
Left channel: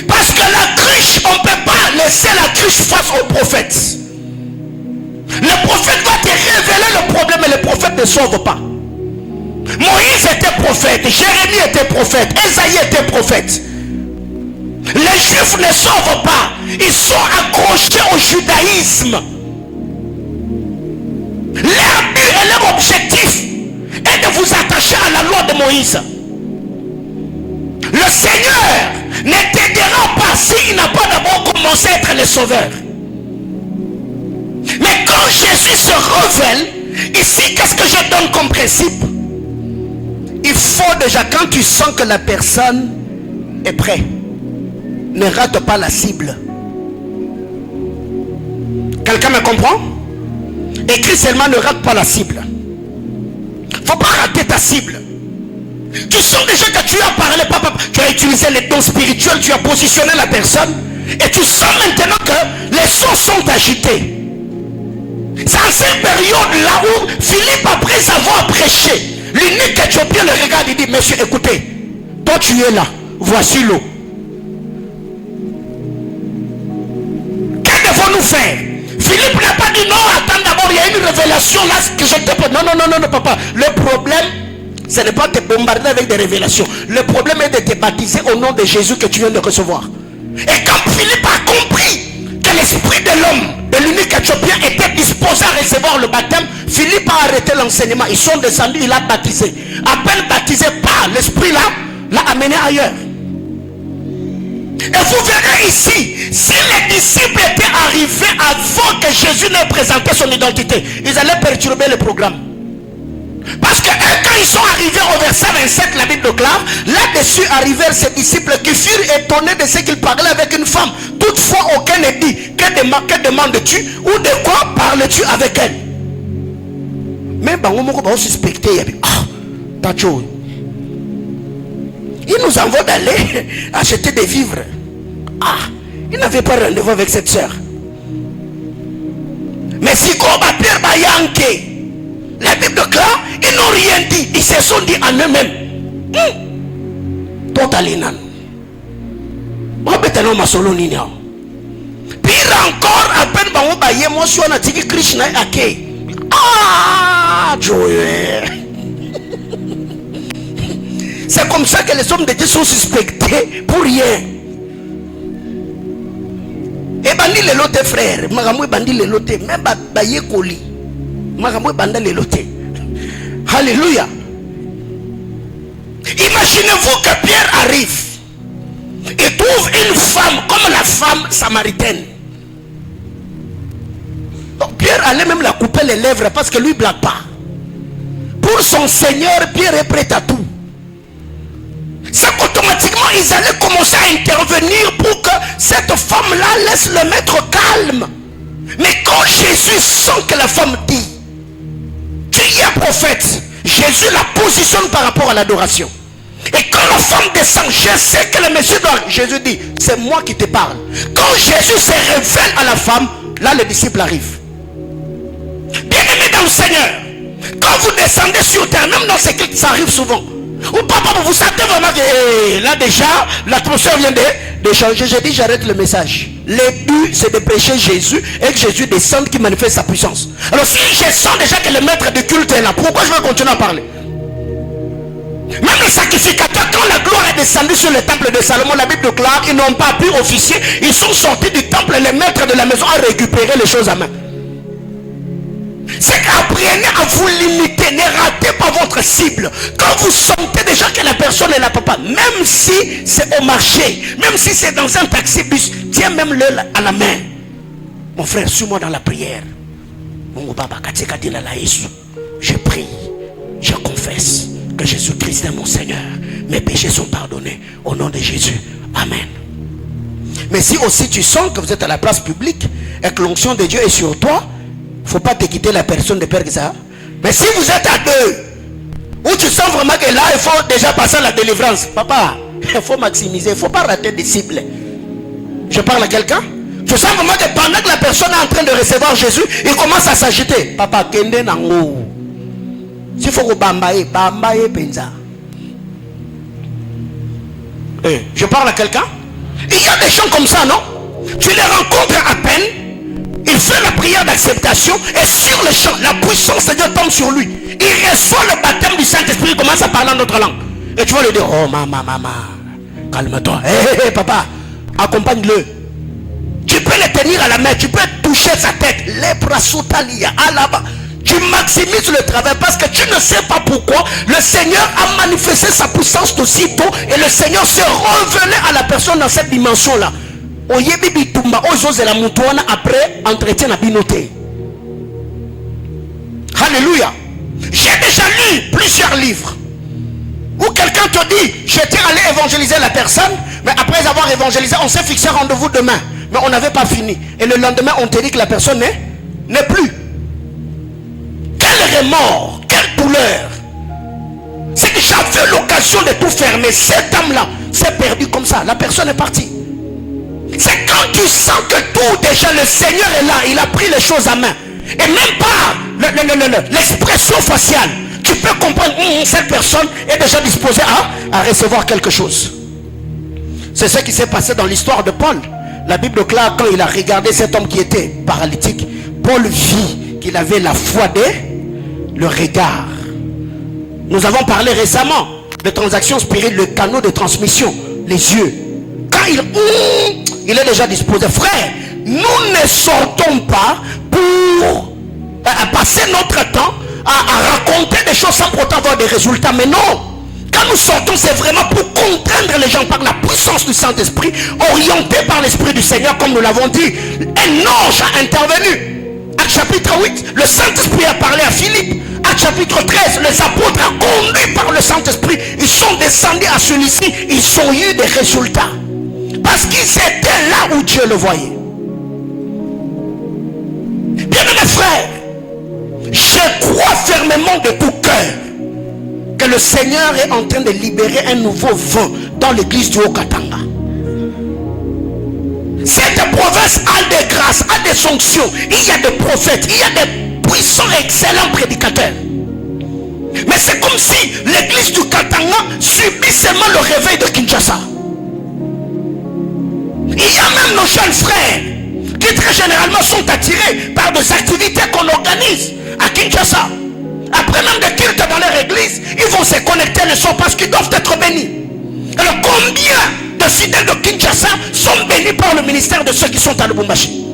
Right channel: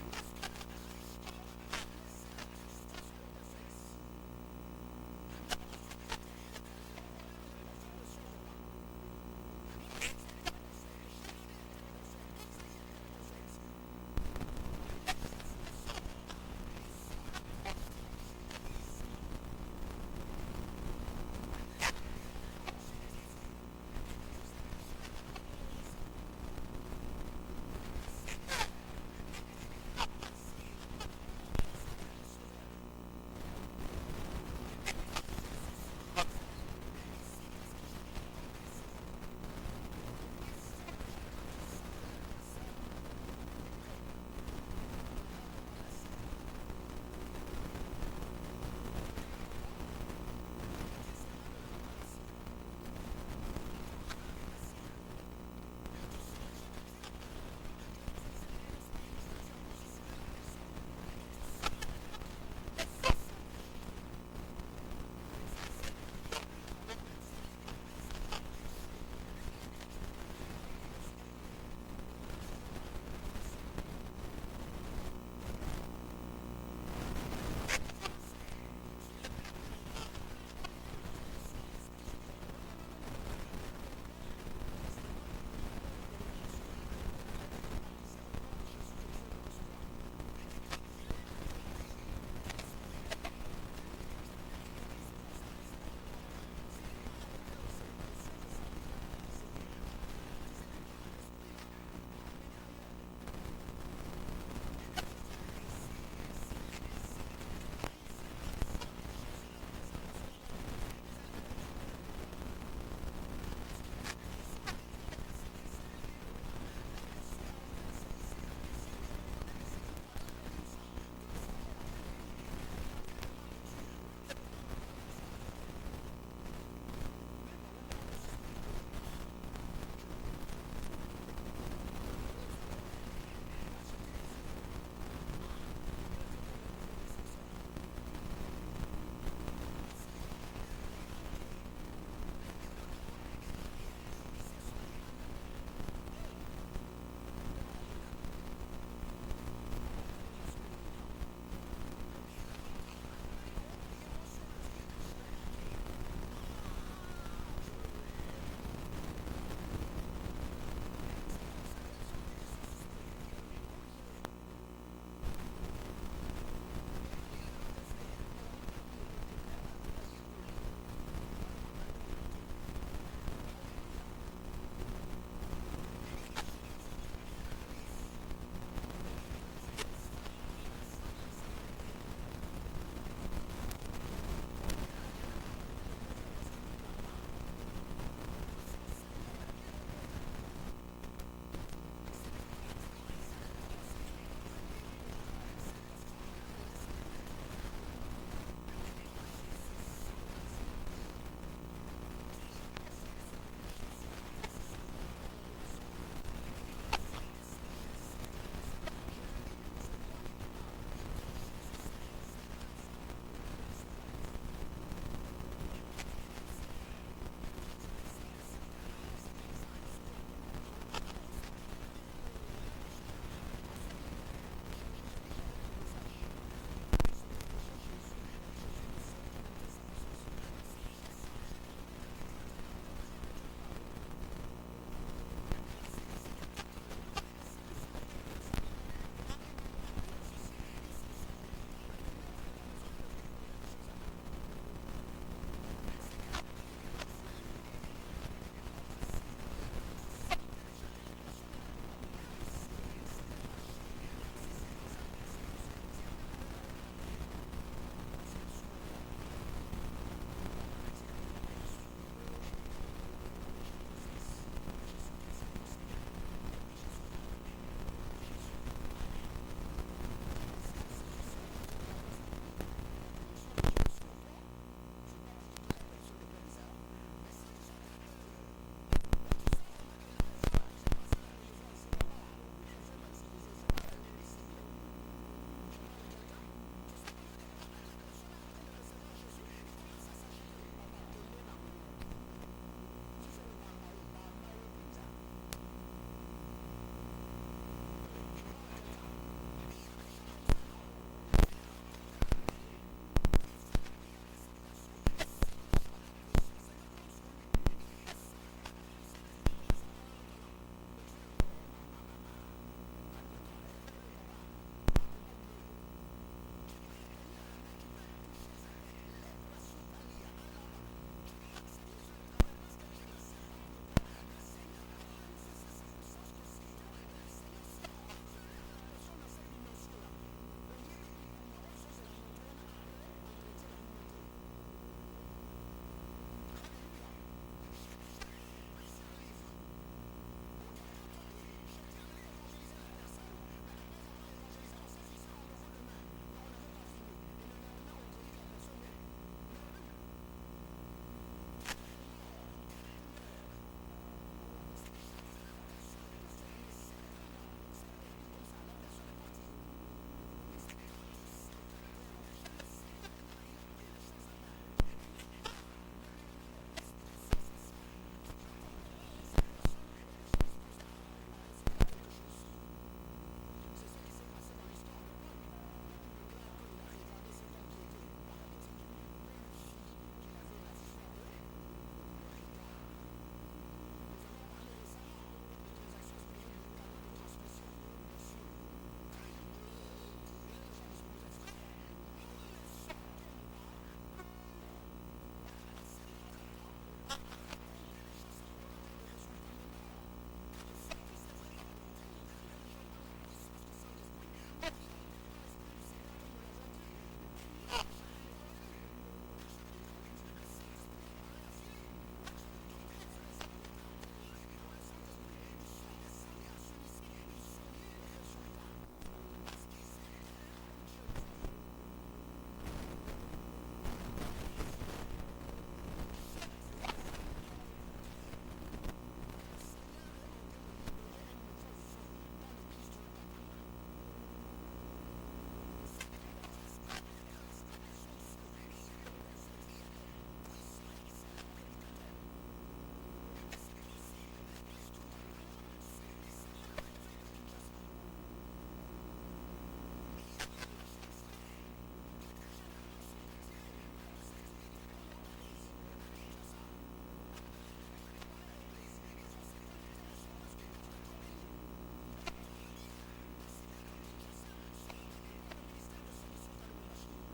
Parce que la cruche, on ne peut pas laisser la cruche face au prophète. Le prophète va te révéler le problème et le prophète ne sauve pas. Moïse était prophète, Jérémie était prophète, Ésaïe était prophète. Les Juifs ne sauvent pas, ils sont accrochés au judaïsme. Leur but et leur objectif est de vous attacher à la loi de Moïse. Le Seigneur ne t'aidera pas s'il n'a pas d'abord commencé à être le sauveur. Mais quand Jésus se révèle, ici, qu'est-ce que je donne comme principe? Il faut déjà, quand tu sens que la personne est prête, ne rate pas la cible. Quelqu'un me comprend? Écris seulement, ne rate pas la cible. Il ne faut pas rater ta cible. Tu sens déjà que tu as parlé, papa, tu as utilisé les dons spirituels, tu as positionné la personne, et tu sens maintenant que les sons sont agités. C'est en cette période-là où Philippe, après avoir prêché, l'unique Éthiopien le regarde et dit, monsieur, écoutez, toi tu es là, voici l'eau. Que devons-nous faire? Philippe n'a pas dit non, attends d'abord, il y a une révélation là que je te peux. Non, non, non, non, papa. Le problème, ce n'est pas de te bombarder avec des révélations. Le problème est de te baptiser au nom de Jésus que tu viens de recevoir. Et quand Philippe a compris que l'esprit de l'homme, de l'unique Éthiopien, était disposé à recevoir le baptême, Philippe a arrêté l'enseignement. Ils sont descendus, il a baptisé. À peine baptisé par l'esprit là, l'a amené ailleurs. Et vous verrez ici, si les disciples étaient arrivés avant que Jésus n'ait présenté son identité, ils allaient perturber le programme. Parce que quand ils sont arrivés au verset 27, la Bible déclare, là-dessus arrivèrent ces disciples qui furent étonnés de ce qu'ils parlaient avec une femme. Toutefois, aucun ne dit, que demandes-tu ou de quoi parles-tu avec elle? Même si on va suspecter, il nous envoie d'aller acheter des vivres. Ah, il n'avait pas rendez-vous avec cette soeur. Mais si Pierre Bayanke, la Bible déclare, ils n'ont rien dit. Ils se sont dit en eux-mêmes. Totalinan. Pire encore, à peine moi je suis en Atiki Krishna Ake. Ah, Joël. C'est comme ça que les hommes de Dieu sont suspectés pour rien. Et bandi les lotés frères, magamou bandi les lotés, même baye koli, magamou banda les lotés. Alléluia. Imaginez-vous que Pierre arrive et trouve une femme comme la femme samaritaine. Donc Pierre allait même la couper les lèvres parce que lui ne blague pas. Pour son Seigneur, Pierre est prêt à tout. C'est qu'automatiquement ils allaient commencer à intervenir pour que cette femme-là laisse le maître calme. Mais quand Jésus sent que la femme dit, tu es prophète, Jésus la positionne par rapport à l'adoration. Et quand la femme descend, je sais que le monsieur doit, Jésus dit, c'est moi qui te parle. Quand Jésus se révèle à la femme, là le disciple arrive. Bien aimé dans le Seigneur, quand vous descendez sur terre, même dans ce qui ça arrive souvent, Ou papa, vous sentez vraiment que là déjà, l'atmosphère vient de changer. J'ai dit, j'arrête le message. Le but, c'est de prêcher Jésus et que Jésus descende qui manifeste sa puissance. Alors si je sens déjà que le maître de culte est là, pourquoi je vais continuer à parler? Même les sacrificateurs, quand la gloire est descendue sur le temple de Salomon, la Bible déclare, ils n'ont pas pu officier. Ils sont sortis du temple, les maîtres de la maison ont récupéré les choses à main. C'est qu'apprenez à vous limiter, ne ratez pas votre cible. Quand vous sentez déjà que la personne est là, papa, même si c'est au marché, même si c'est dans un taxi-bus, tiens même le à la main. Mon frère, suis-moi dans la prière. Je prie, je confesse que Jésus-Christ est mon Seigneur. Mes péchés sont pardonnés au nom de Jésus. Amen. Mais si aussi tu sens que vous êtes à la place publique et que l'onction de Dieu est sur toi, il ne faut pas te quitter la personne de père que ça. Mais si vous êtes à deux, où tu sens vraiment que là, il faut déjà passer à la délivrance. Papa, il faut maximiser, il ne faut pas rater des cibles. Je parle à quelqu'un. Tu sens vraiment que pendant que la personne est en train de recevoir Jésus, il commence à s'agiter. Papa, kende nango. S'il faut que bambaye penza. Je parle à quelqu'un. Il y a des gens comme ça, non? Tu les rencontres à peine. Il fait la prière d'acceptation et sur le champ, la puissance de Dieu tombe sur lui. Il reçoit le baptême du Saint-Esprit, il commence à parler en notre langue. Et tu vas lui dire, oh maman, calme-toi. Hé, papa, accompagne-le. Tu peux le tenir à la main, tu peux toucher sa tête. Tu maximises le travail parce que tu ne sais pas pourquoi le Seigneur a manifesté sa puissance aussitôt et le Seigneur s'est révélé à la personne dans cette dimension-là. Après entretien à binoté. Alléluia. J'ai déjà lu plusieurs livres où quelqu'un te dit je tiens à aller évangéliser la personne, mais après avoir évangélisé on s'est fixé rendez-vous demain, mais on n'avait pas fini et le lendemain on te dit que la personne n'est plus. Quel remords, quelle douleur. C'est que j'avais l'occasion de tout fermer. Cette âme-là s'est perdue comme ça, la personne est partie. C'est quand tu sens que tout déjà le Seigneur est là, il a pris les choses à main. Et même pas l'expression faciale. Tu peux comprendre cette personne est déjà disposée à recevoir quelque chose. C'est ce qui s'est passé dans l'histoire de Paul. La Bible déclare quand il a regardé cet homme qui était paralytique, Paul vit qu'il avait la foi le regard. Nous avons parlé récemment de transactions spirituelles, le canot de transmission, les yeux. Quand il est déjà disposé. Frère, nous ne sortons pas pour passer notre temps à raconter des choses sans pourtant avoir des résultats. Mais non, quand nous sortons, c'est vraiment pour contraindre les gens par la puissance du Saint-Esprit, orienté par l'Esprit du Seigneur, comme nous l'avons dit. Un ange a intervenu. Acte chapitre 8, le Saint-Esprit a parlé à Philippe. Acte chapitre 13, les apôtres conduits par le Saint-Esprit, ils sont descendus à celui-ci, ils ont eu des résultats. Parce qu'ils étaient là où Dieu le voyait. Bien-aimés frères, je crois fermement de tout cœur que le Seigneur est en train de libérer un nouveau vent dans l'église du Haut-Katanga. Cette province a des grâces, a des sanctions. Il y a des prophètes, il y a des puissants, excellents prédicateurs. Mais c'est comme si l'église du Katanga subit seulement le réveil de Kinshasa. Il y a même nos jeunes frères qui très généralement sont attirés par des activités qu'on organise à Kinshasa. Après même des cultes dans leur église, ils vont se connecter le soir parce qu'ils doivent être bénis. Alors combien de fidèles de Kinshasa sont bénis par le ministère de ceux qui sont à Lubumbashi?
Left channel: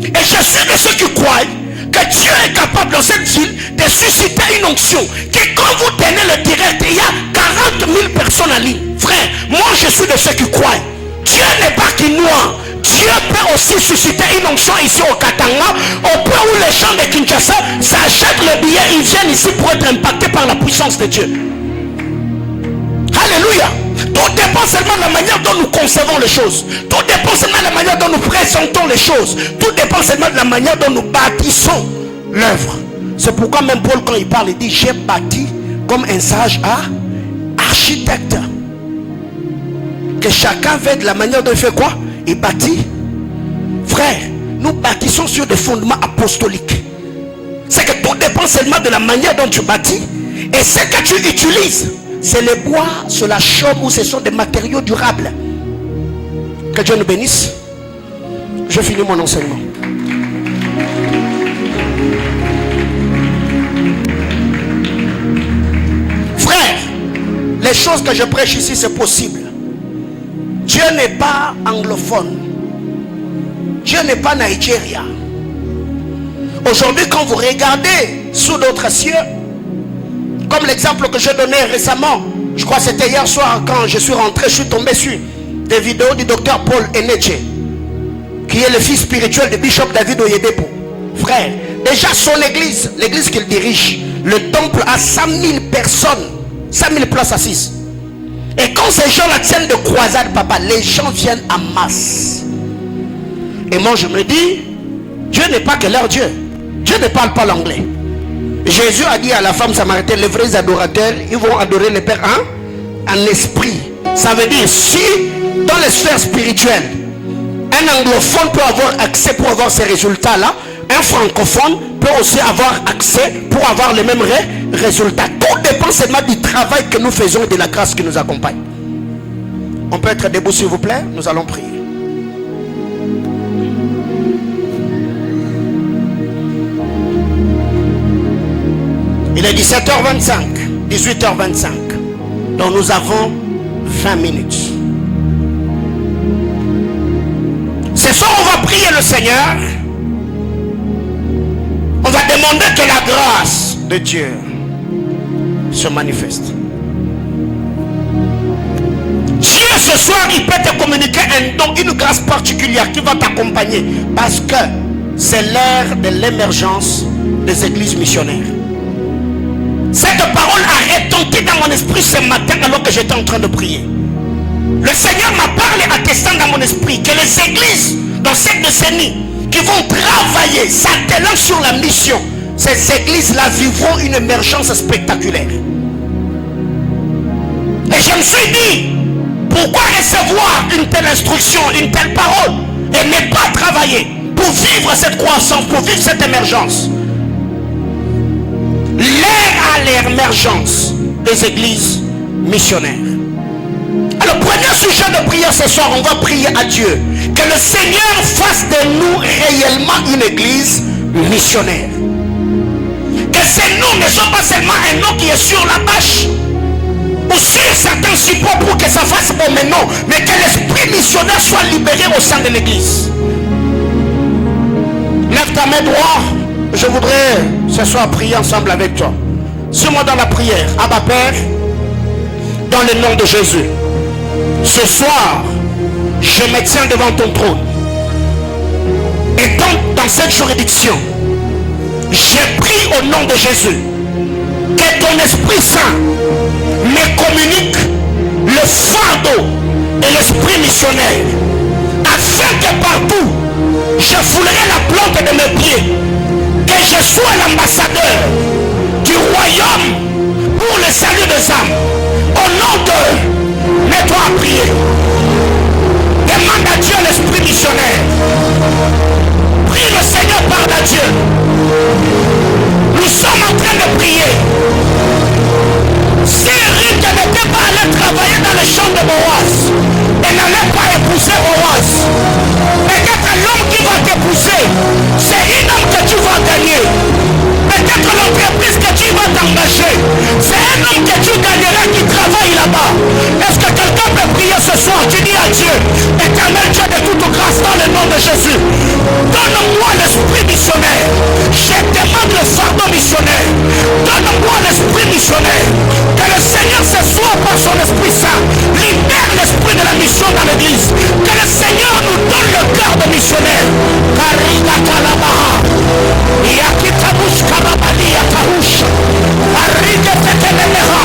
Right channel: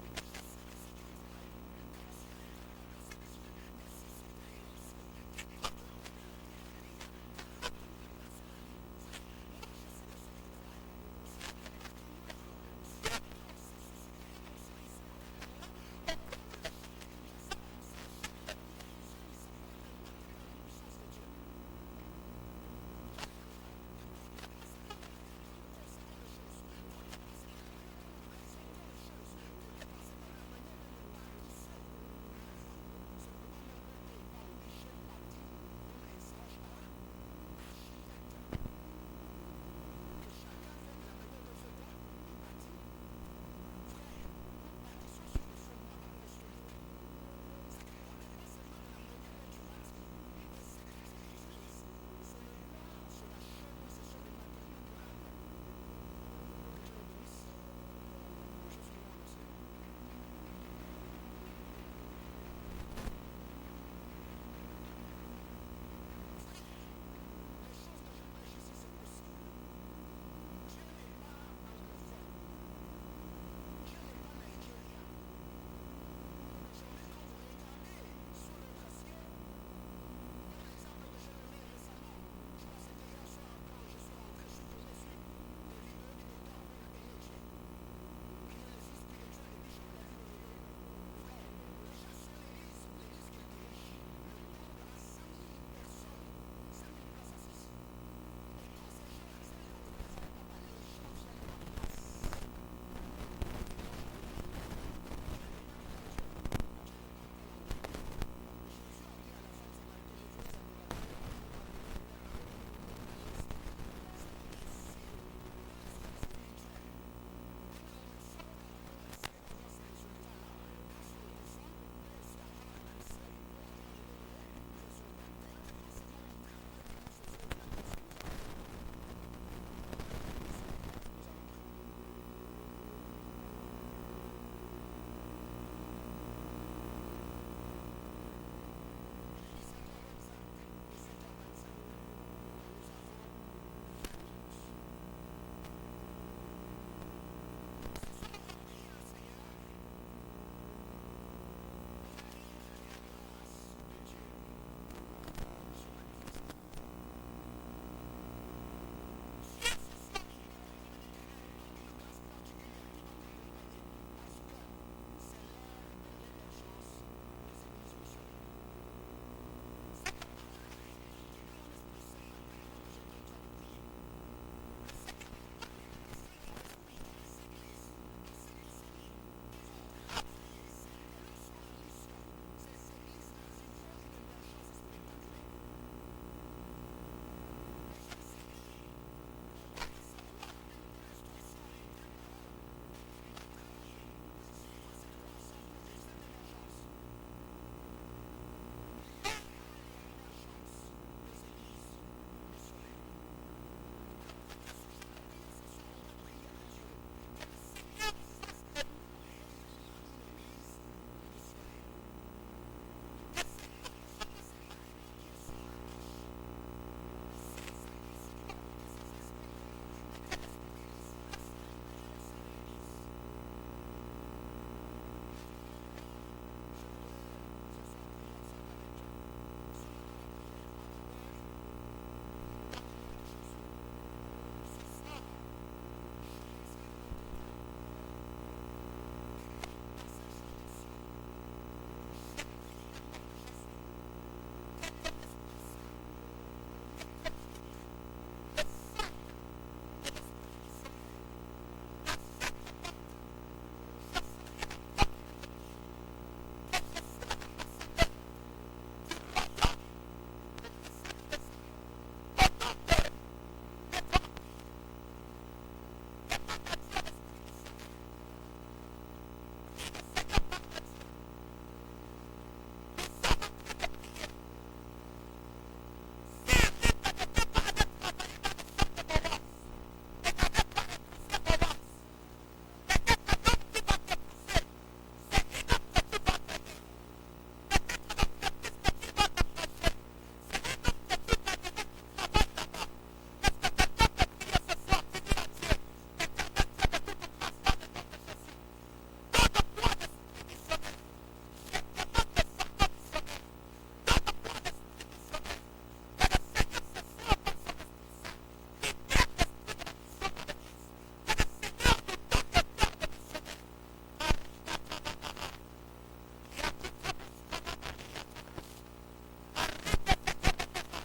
Et je suis de ceux qui croient que Dieu est capable dans cette ville de susciter une onction. Que quand vous tenez le direct, il y a 40 000 personnes en ligne. Frère, moi je suis de ceux qui croient. Dieu n'est pas quinois. Dieu peut aussi susciter une onction ici au Katanga, au point où les gens de Kinshasa s'achètent le billet, ils viennent ici pour être impactés par la puissance de Dieu. Alléluia. Tout dépend seulement de la manière dont nous concevons les choses. Tout dépend seulement de la manière dont nous présentons les choses. Tout dépend seulement de la manière dont nous bâtissons l'œuvre. C'est pourquoi même Paul, quand il parle, il dit j'ai bâti comme un sage architecte. Que chacun veut de la manière dont il fait quoi? Il bâtit. Frère, nous bâtissons sur des fondements apostoliques. C'est que tout dépend seulement de la manière dont tu bâtis et ce que tu utilises c'est le bois, c'est la chaume ou ce sont des matériaux durables. Que Dieu nous bénisse. Je finis mon enseignement. Frère, les choses que je prêche ici, c'est possible. Dieu n'est pas anglophone. Dieu n'est pas Nigeria. Aujourd'hui, quand vous regardez sous d'autres cieux, comme l'exemple que j'ai donné récemment, je crois que c'était hier soir quand je suis rentré, je suis tombé sur des vidéos du docteur Paul Enedje, qui est le fils spirituel de Bishop David Oyedepo. Frère, déjà son église, l'église qu'il dirige, le temple a 100 000 personnes, 100 000 places assises. Et quand ces gens-là tiennent de croisade, papa, les gens viennent en masse. Et moi je me dis, Dieu n'est pas que leur Dieu. Dieu ne parle pas l'anglais. Jésus a dit à la femme samaritaine, les vrais adorateurs, ils vont adorer le Père en esprit. Ça veut dire, si dans les sphères spirituelles, un anglophone peut avoir accès pour avoir ces résultats-là, un francophone peut aussi avoir accès pour avoir les mêmes résultats. Tout dépend seulement du travail que nous faisons et de la grâce qui nous accompagne. On peut être debout s'il vous plaît, nous allons prier. Il est 17h25, 18h25. Donc nous avons 20 minutes. Ce soir, on va prier le Seigneur. On va demander que la grâce de Dieu se manifeste. Dieu ce soir, il peut te communiquer un don, une grâce particulière qui va t'accompagner. Parce que c'est l'ère de l'émergence des églises missionnaires. Cette parole a retenti dans mon esprit ce matin alors que j'étais en train de prier. Le Seigneur m'a parlé attestant dans mon esprit que les églises dans cette décennie qui vont travailler, s'attelant sur la mission, ces églises-là vivront une émergence spectaculaire. Et je me suis dit, pourquoi recevoir une telle instruction, une telle parole et ne pas travailler pour vivre cette croissance, pour vivre cette émergence? L'ère à l'émergence des églises missionnaires. Alors, premier sujet de prière ce soir, on va prier à Dieu que le Seigneur fasse de nous réellement une église missionnaire. Que ces noms ne soient pas seulement un nom qui est sur la bâche ou sur certains supports pour que ça fasse bon maintenant, mais que l'esprit missionnaire soit libéré au sein de l'église. Lève ta main droite. Je voudrais ce soir prier ensemble avec toi. Suis-moi dans la prière. Abba Père, dans le nom de Jésus, ce soir, je me tiens devant ton trône. Et dans cette juridiction, j'ai pris au nom de Jésus que ton Esprit Saint me communique le fardeau et l'esprit missionnaire, afin que partout, je foulerai la plante de mes pieds, que je sois l'ambassadeur du royaume pour le salut des âmes. Au nom de, mets-toi à prier. Demande à Dieu l'esprit missionnaire. Prie le Seigneur, parle à Dieu. Nous sommes en train de prier. Si Ruth n'était pas allé travailler dans les champs de Boaz, elle n'allait pas épouser Boaz. Peut-être l'homme qui va t'épouser, c'est un homme que tu vas gagner. Peut-être l'entreprise que tu vas t'engager, c'est un homme que tu gagneras qui travaille là-bas. Est-ce que quelqu'un peut prier ce soir? Tu dis à Dieu, Éternel Dieu de toute grâce, dans le nom de Jésus, donne-moi l'esprit missionnaire. Je demande le fardeau missionnaire. Donne-moi l'esprit missionnaire. Que le Seigneur ce soir par son Esprit Saint libère l'esprit de la mission dans l'église. Que le Seigneur nous donne le cœur de missionnaire. Kariga Talabaha. Yakitabush Karabali Yatahush. Arriga Teteleleha.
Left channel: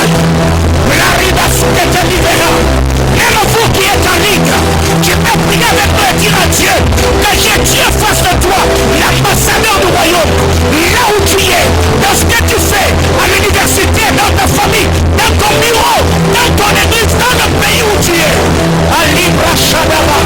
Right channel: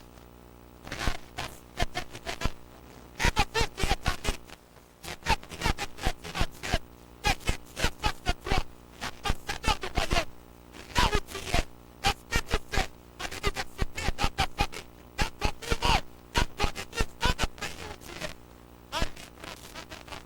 L'arida Suketelibera. Même vous qui êtes en ligne, tu peux prier avec moi et dire à Dieu que j'ai Dieu face de toi, l'ambassadeur du royaume, là où tu es, dans ce que tu fais, à l'université, dans ta famille, dans ton bureau, dans ton église, dans le pays où tu es. À Libra Shadaba.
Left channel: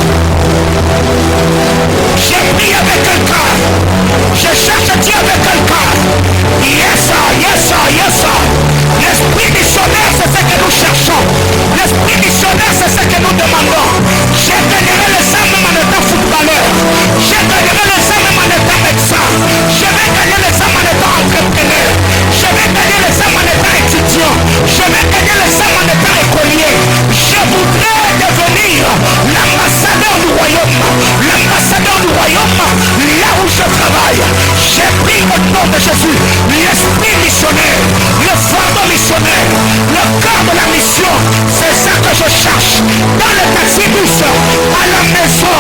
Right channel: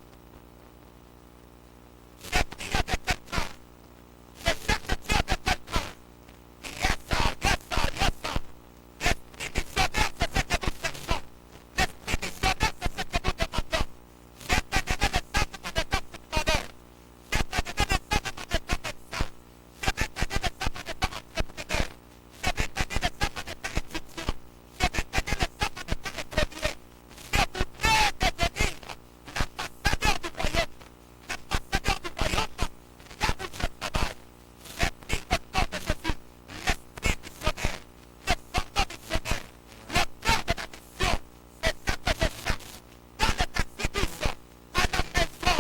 travail. J'ai pris au nom de Jésus l'esprit missionnaire, le fardeau missionnaire, le cœur de la mission. C'est ça que je cherche dans le taxi-bus, à la maison.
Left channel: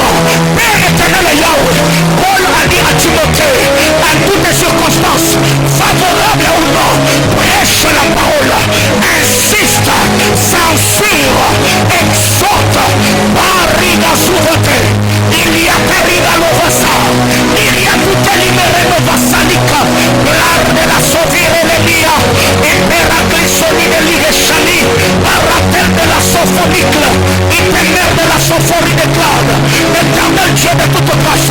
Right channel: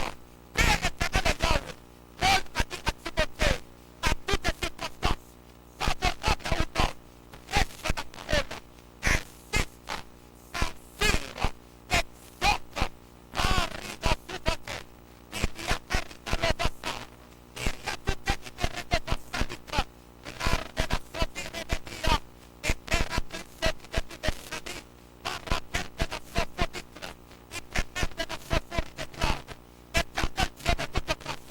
Père éternel et Yahweh, Paul a dit à Timothée, à toutes les circonstances, favorables ou non, prêche la parole, insiste, censure, exhorte, barriga souveraineté. Il y a Périga Lovasa, il y a tout libéré Novasanica, l'art de la sauvir et l'Elia, et Peraglisoni de l'Irechani, Paratel de la sophonique, Itemer de la sophonie de Claude, l'éternel Dieu de toute grâce.